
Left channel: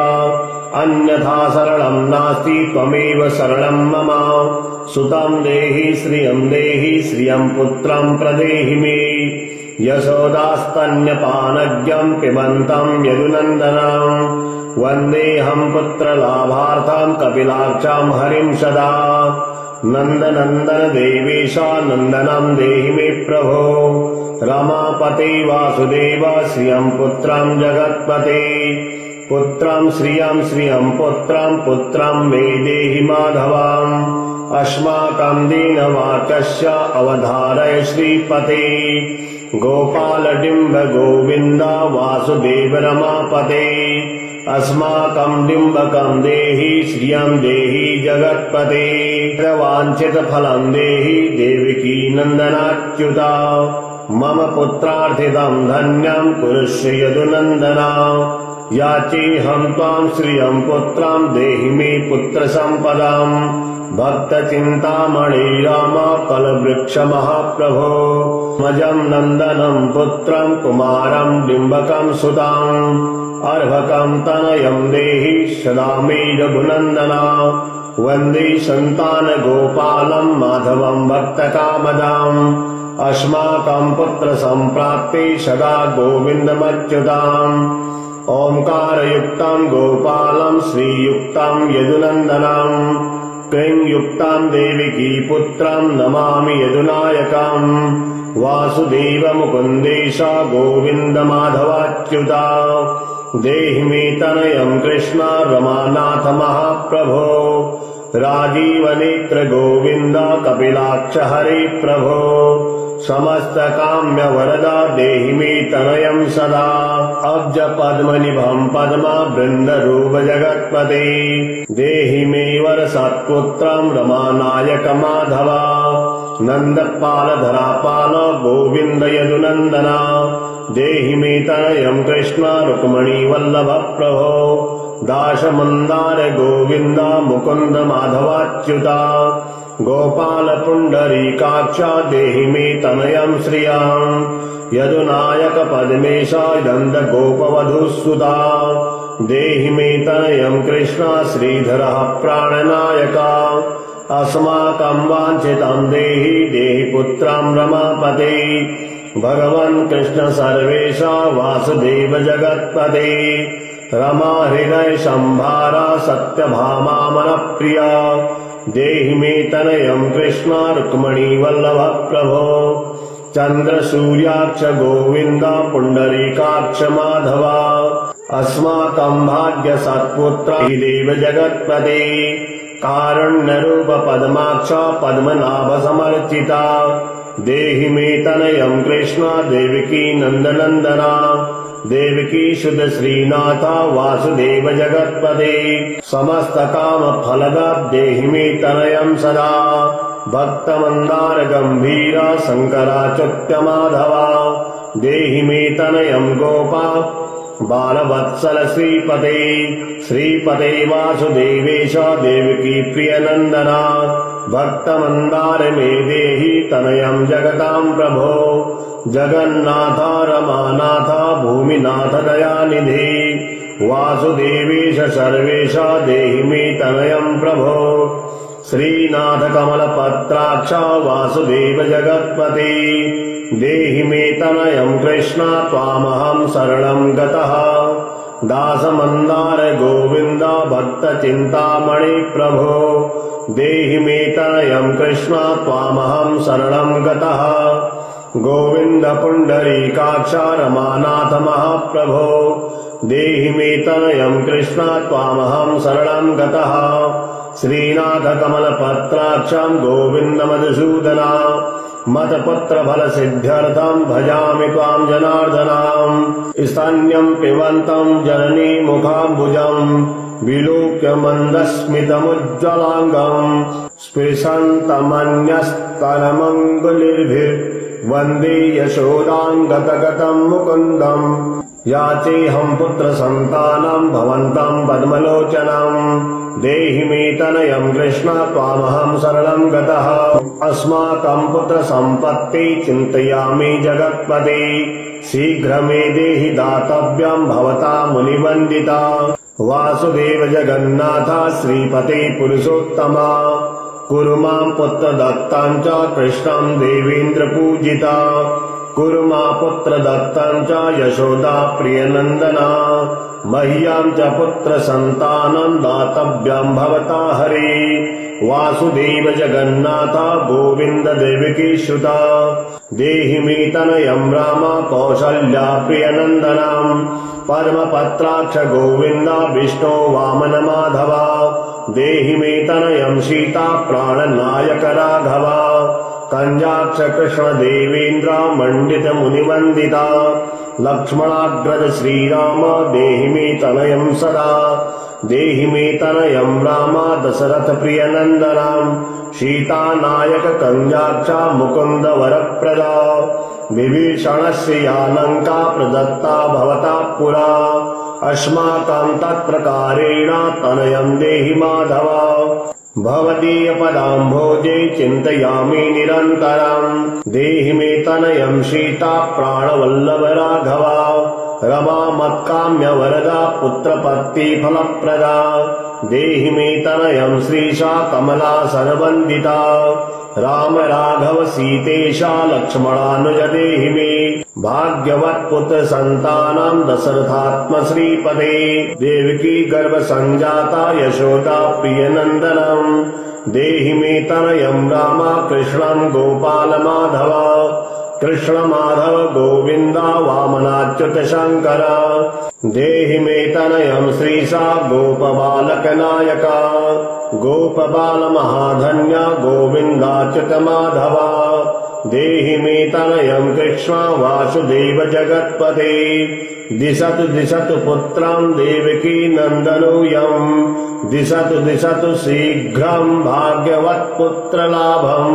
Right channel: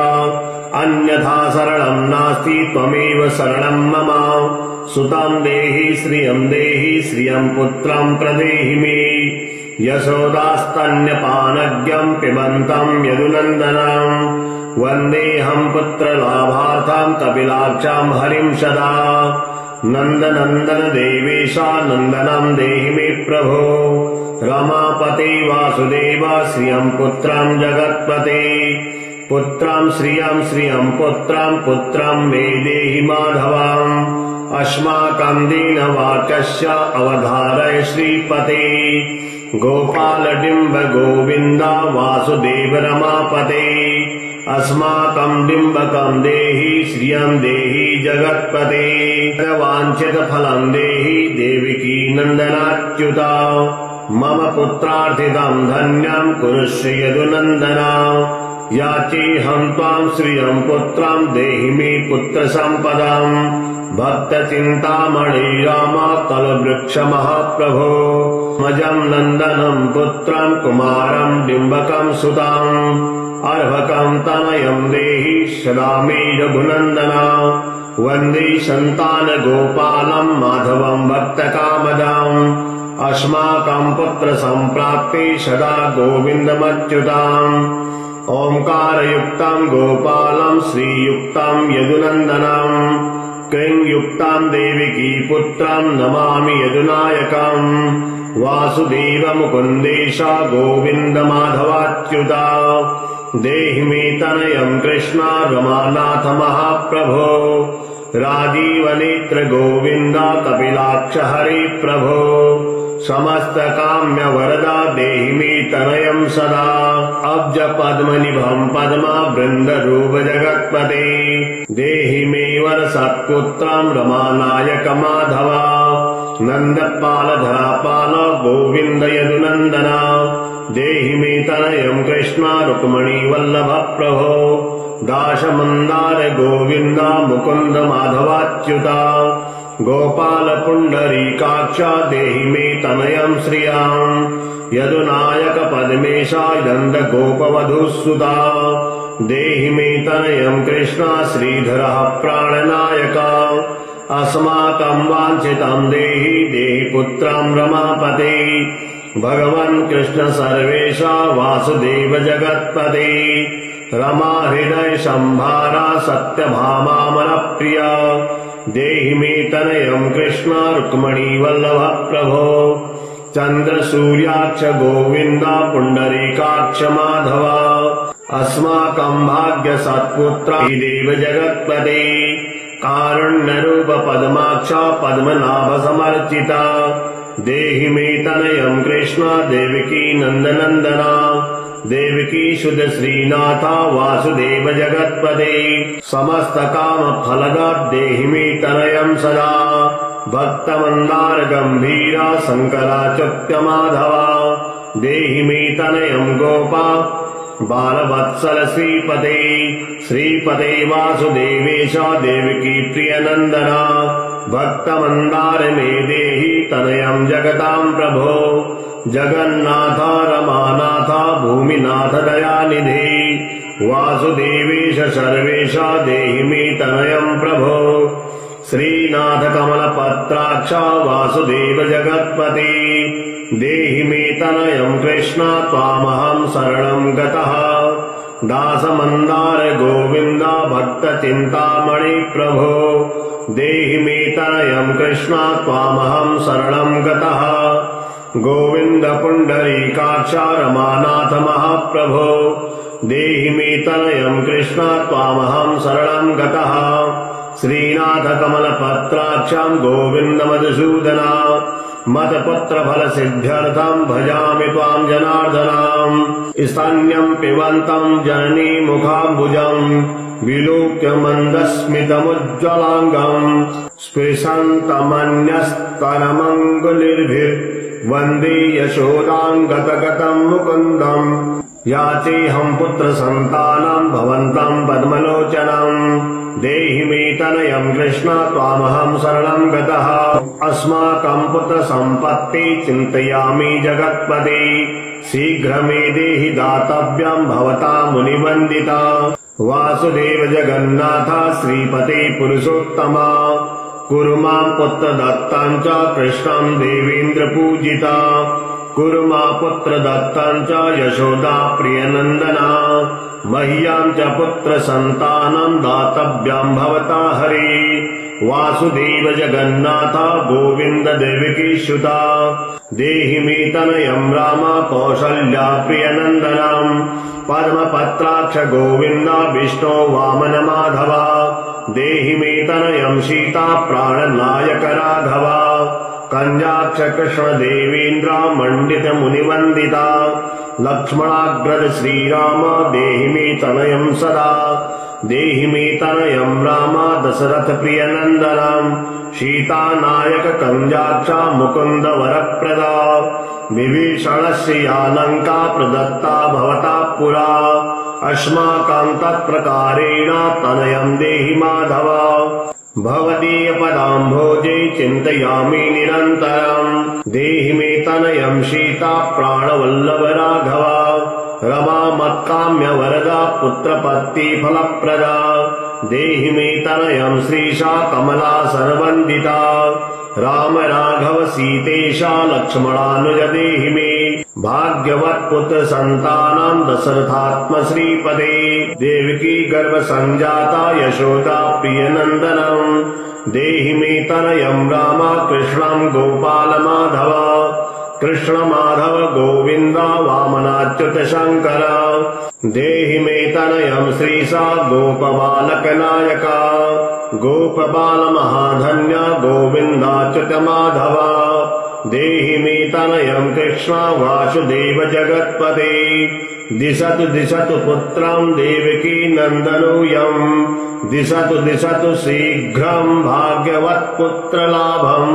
अन्यथा शरणं नास्ति त्वमेव शरणं मम सुतं देहि श्रियं पुत्रं प्रदेहि मे यशोदास्तन्यपानज्ञं पिबन्तं यदुनन्दनं वन्देऽहं पुत्रलाभार्थं कपिलाक्षं हरिं सदा नन्दनन्दन देवेश नन्दनं देहि मे प्रभो रमापते वासुदेव श्रियं पुत्रं जगत्पते पुत्रं श्रियं पुत्रं मे देहि माधवम् अस्माकं दीनवाक्यस्य अवधारय श्रीपते गोपालडिम्ब गोविन्द वासुदेव रमापते अस्माकं डिम्बकं देहि श्रियं देहि जगत्पते वाञ्छितफलं देहि देवकी नन्दनाच्युता मम पुत्रार्थितं धन्यं कुरुष्व यदुनन्दना याचेऽहं त्वां श्रियं पुत्रं देहि मे पुत्रसम्पदाम् भक्तचिन्तामणि राम कलवृक्ष महाप्रभो मजं नन्दनं पुत्रं कुमारं डिम्बकं सुतं अर्भकं तनयं देहि सदा मे रघुनन्दना वन्दे सन्तानगोपालं माधवं भक्तकामदाम् अस्माकं पुत्रसम्प्राप्ते सदा गोविन्दमच्युताम् ओंकारयुक्तं गोपालं श्रीयुक्तं यदुनन्दनं क्लींयुक्तं देवकी पुत्रं नमामि यदुनायकम् वासुदेव मुकुन्देश गोविन्द माधवाच्युता देहि मे तनयं कृष्ण रमानाथ महाप्रभो राजीवनेत्र गोविन्द कपिलाक्ष हरे प्रभो समस्त काम्य वरदा देहि मे तनयं सदा अब्ज पद्मनिभं पद्मा वृन्दरूप जगत्पते देहि मे वर सत्पुत्रं रमानायक माधवा नन्दपाल धरापाल गोविन्द यदुनन्दना देहि मे तनयं कृष्ण रुक्मणी वल्लभ प्रभो दाशमन्दार गोविन्द मुकुन्द माधवाच्युता गोपाल पुण्डरीकाक्ष देहि मे तनयं श्रियं यदुनायक पद्मेशा नन्द गोपवधूसुता देहि मे तनयं कृष्ण श्रीधरः प्राणनायका अस्माकं वाञ्छितं देहि पुत्रं रमापते भगवन् कृष्ण सर्वेशा वासुदेव जगत्पते रमा हृदय संभारा सत्यभामा मनप्रिया देहि मे तनयं कृष्ण रुक्मणी वल्लभ प्रभो चन्द्र सूर्याक्ष गोविन्द पुण्डरीकाक्ष माधवा अस्माकं भाग्य सत्पुत्र देव जगत्पते कारुण्यरूप पद्माक्ष पद्मनाभ समर्चिता देहि मे तनयं कृष्ण देवकी नन्दनन्दना देवकी सुत श्रीनाथ वासुदेव जगत्पते समस्त काम फलदा देहि मे तनयं सदा भक्त मंदार गंभीरा शंकराच्युत माधवा देहि मे तनयं गोपा बालवत्सल श्रीपते श्रीपते वासुदेवेश देवकी प्रियनन्दना भक्तमन्दार मे देहि तनयं जगतां प्रभो जगन्नाथ रमानाथ भूमिनाथ दयानिधि वासुदेवेश सर्वेश देहि मे तनयं प्रभो श्रीनाथ कमलपत्राक्ष वासुदेव जगत्पते देहि मे तनयं कृष्ण त्वामहं शरणं गतः दासमन्दार गोविन्द भक्तचिन्तामणि प्रभो देहि मे तनयं कृष्ण त्वामहं शरणं गतः गोविन्द पुण्डरीकाक्ष रमानाथ महाप्रभो देहि मे तनयं कृष्ण त्वामहं शरणं गतः श्रीनाथ कमलपत्राक्षं गोविन्द मधुसूदना मतपुत्रफलसिद्ध्यर्थं भजामि त्वां जनार्दनाम् स्तन्यं पिबन्तं जननी मुखाम्बुजं विलोक्य मन्दस्मितमुज्ज्वलाङ्गम् स्पृशन्तमन्यस्तनमङ्गुलिर्भिर्वन्दे यशोदां गतगतं मुकुन्दम् याचेऽहं पुत्रसन्तानं भवन्तं पद्मलोचनं देहि मे तनयं कृष्ण त्वामहं शरणं गतः अस्माकं पुत्रसम्पत्ति चिन्तयामि जगत्पते शीघ्र मे देहि दातव्यं भवता मुनिवन्दिता वासुदेव जगन्नाथ श्रीपते पुरुषोत्तमा कुरु मां पुत्रदत्तं च कृष्णं देवेन्द्र पूजिता कुरु मां पुत्रदत्तं च यशोदा प्रियनन्दना मह्यं च पुत्रसन्तानं दातव्यं भवता हरे वासुदेव जगन्नाथ गोविन्द देवकी सुता देहि मे तनयं राम कौसल्या प्रियनन्दनं पद्मपत्राक्ष गोविन्द विष्णो वामन माधवा देहि मे तनयं सीता प्राणनायक राघवा कंजाक्ष कृष्ण देवेन्द्र मंडित मुनिवंदिता लक्ष्मणाग्रज श्रीराम देहि मे तनयं सदा देहि मे तनयं राम दशरथ प्रियनन्दनं सीतानायक कंजाक्ष मुकुन्द वरप्रदा विभीषणस्य या लङ्का प्रदत्ता भवता पुरा अस्माकं तत्प्रकारेण तनयं देहि माधव भवदीय पदाम्भोजे चिन्तयामि निरन्तरम् देहि मे तनयं सीता प्राणवल्लभ राघवा रमा मत्काम्य वरदा पुत्रपत्ति फलप्रदा देहि मे तनयं श्रीशा कमला सर्वन्दिता राम राघव सीतेशा लक्ष्मणानुज देहि मे भाग्यवत् पुत्र संतानं दशरथात्म श्रीपदे देवकी गर्भ संजाता यशोदा प्रियनन्दनं देहि मे तनयं राम कृष्णं गोपाल माधव कृष्ण माधव गोविन्द वामनाच्युत शङ्कर देहि मे तनयं श्रीशा गोपबालक नायका गोपबाल महाधन्य गोविन्दाच्युत माधव देहि मे तनयं कृष्ण वासुदेव जगत्पते दिशतु दिशतु पुत्रं देवकी नन्दनोऽयं दिशतु दिशतु शीघ्रं भाग्यवत् पुत्रलाभम्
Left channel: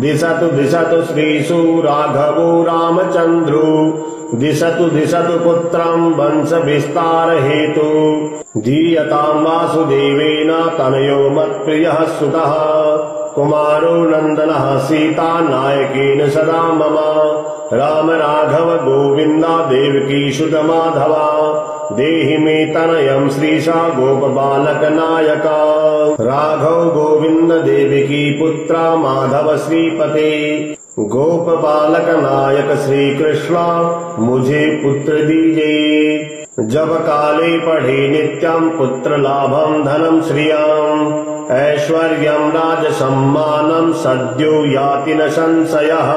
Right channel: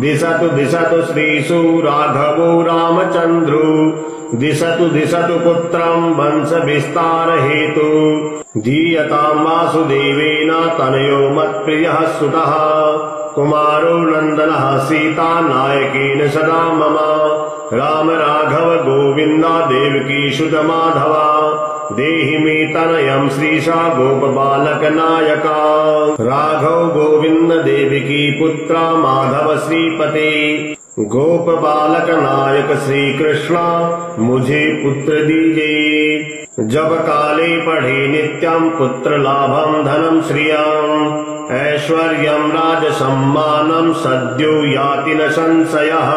दिशतु दिशतु श्रीषु राघवो रामचन्द्रो दिशतु दिशतु पुत्रं वंश विस्तार हेतु धीयतां वासुदेवेन तनयो मत्प्रियः सुतः कुमारो नन्दनः सीता नायकेन सदा मम राम राघव गोविन्द देवकी सुत माधवा देहि मे तनयं श्रीशा गोपबालक नायका राघव गोविन्द देवकी पुत्र माधव श्रीपते गोप बालक नायक श्री कृष्ण मुझे पुत्र दीजिए जब काले पढ़े नित्यं पुत्र लाभं धनं श्रियं ऐश्वर्यं राज सम्मानं सद्यो याति न संशयः।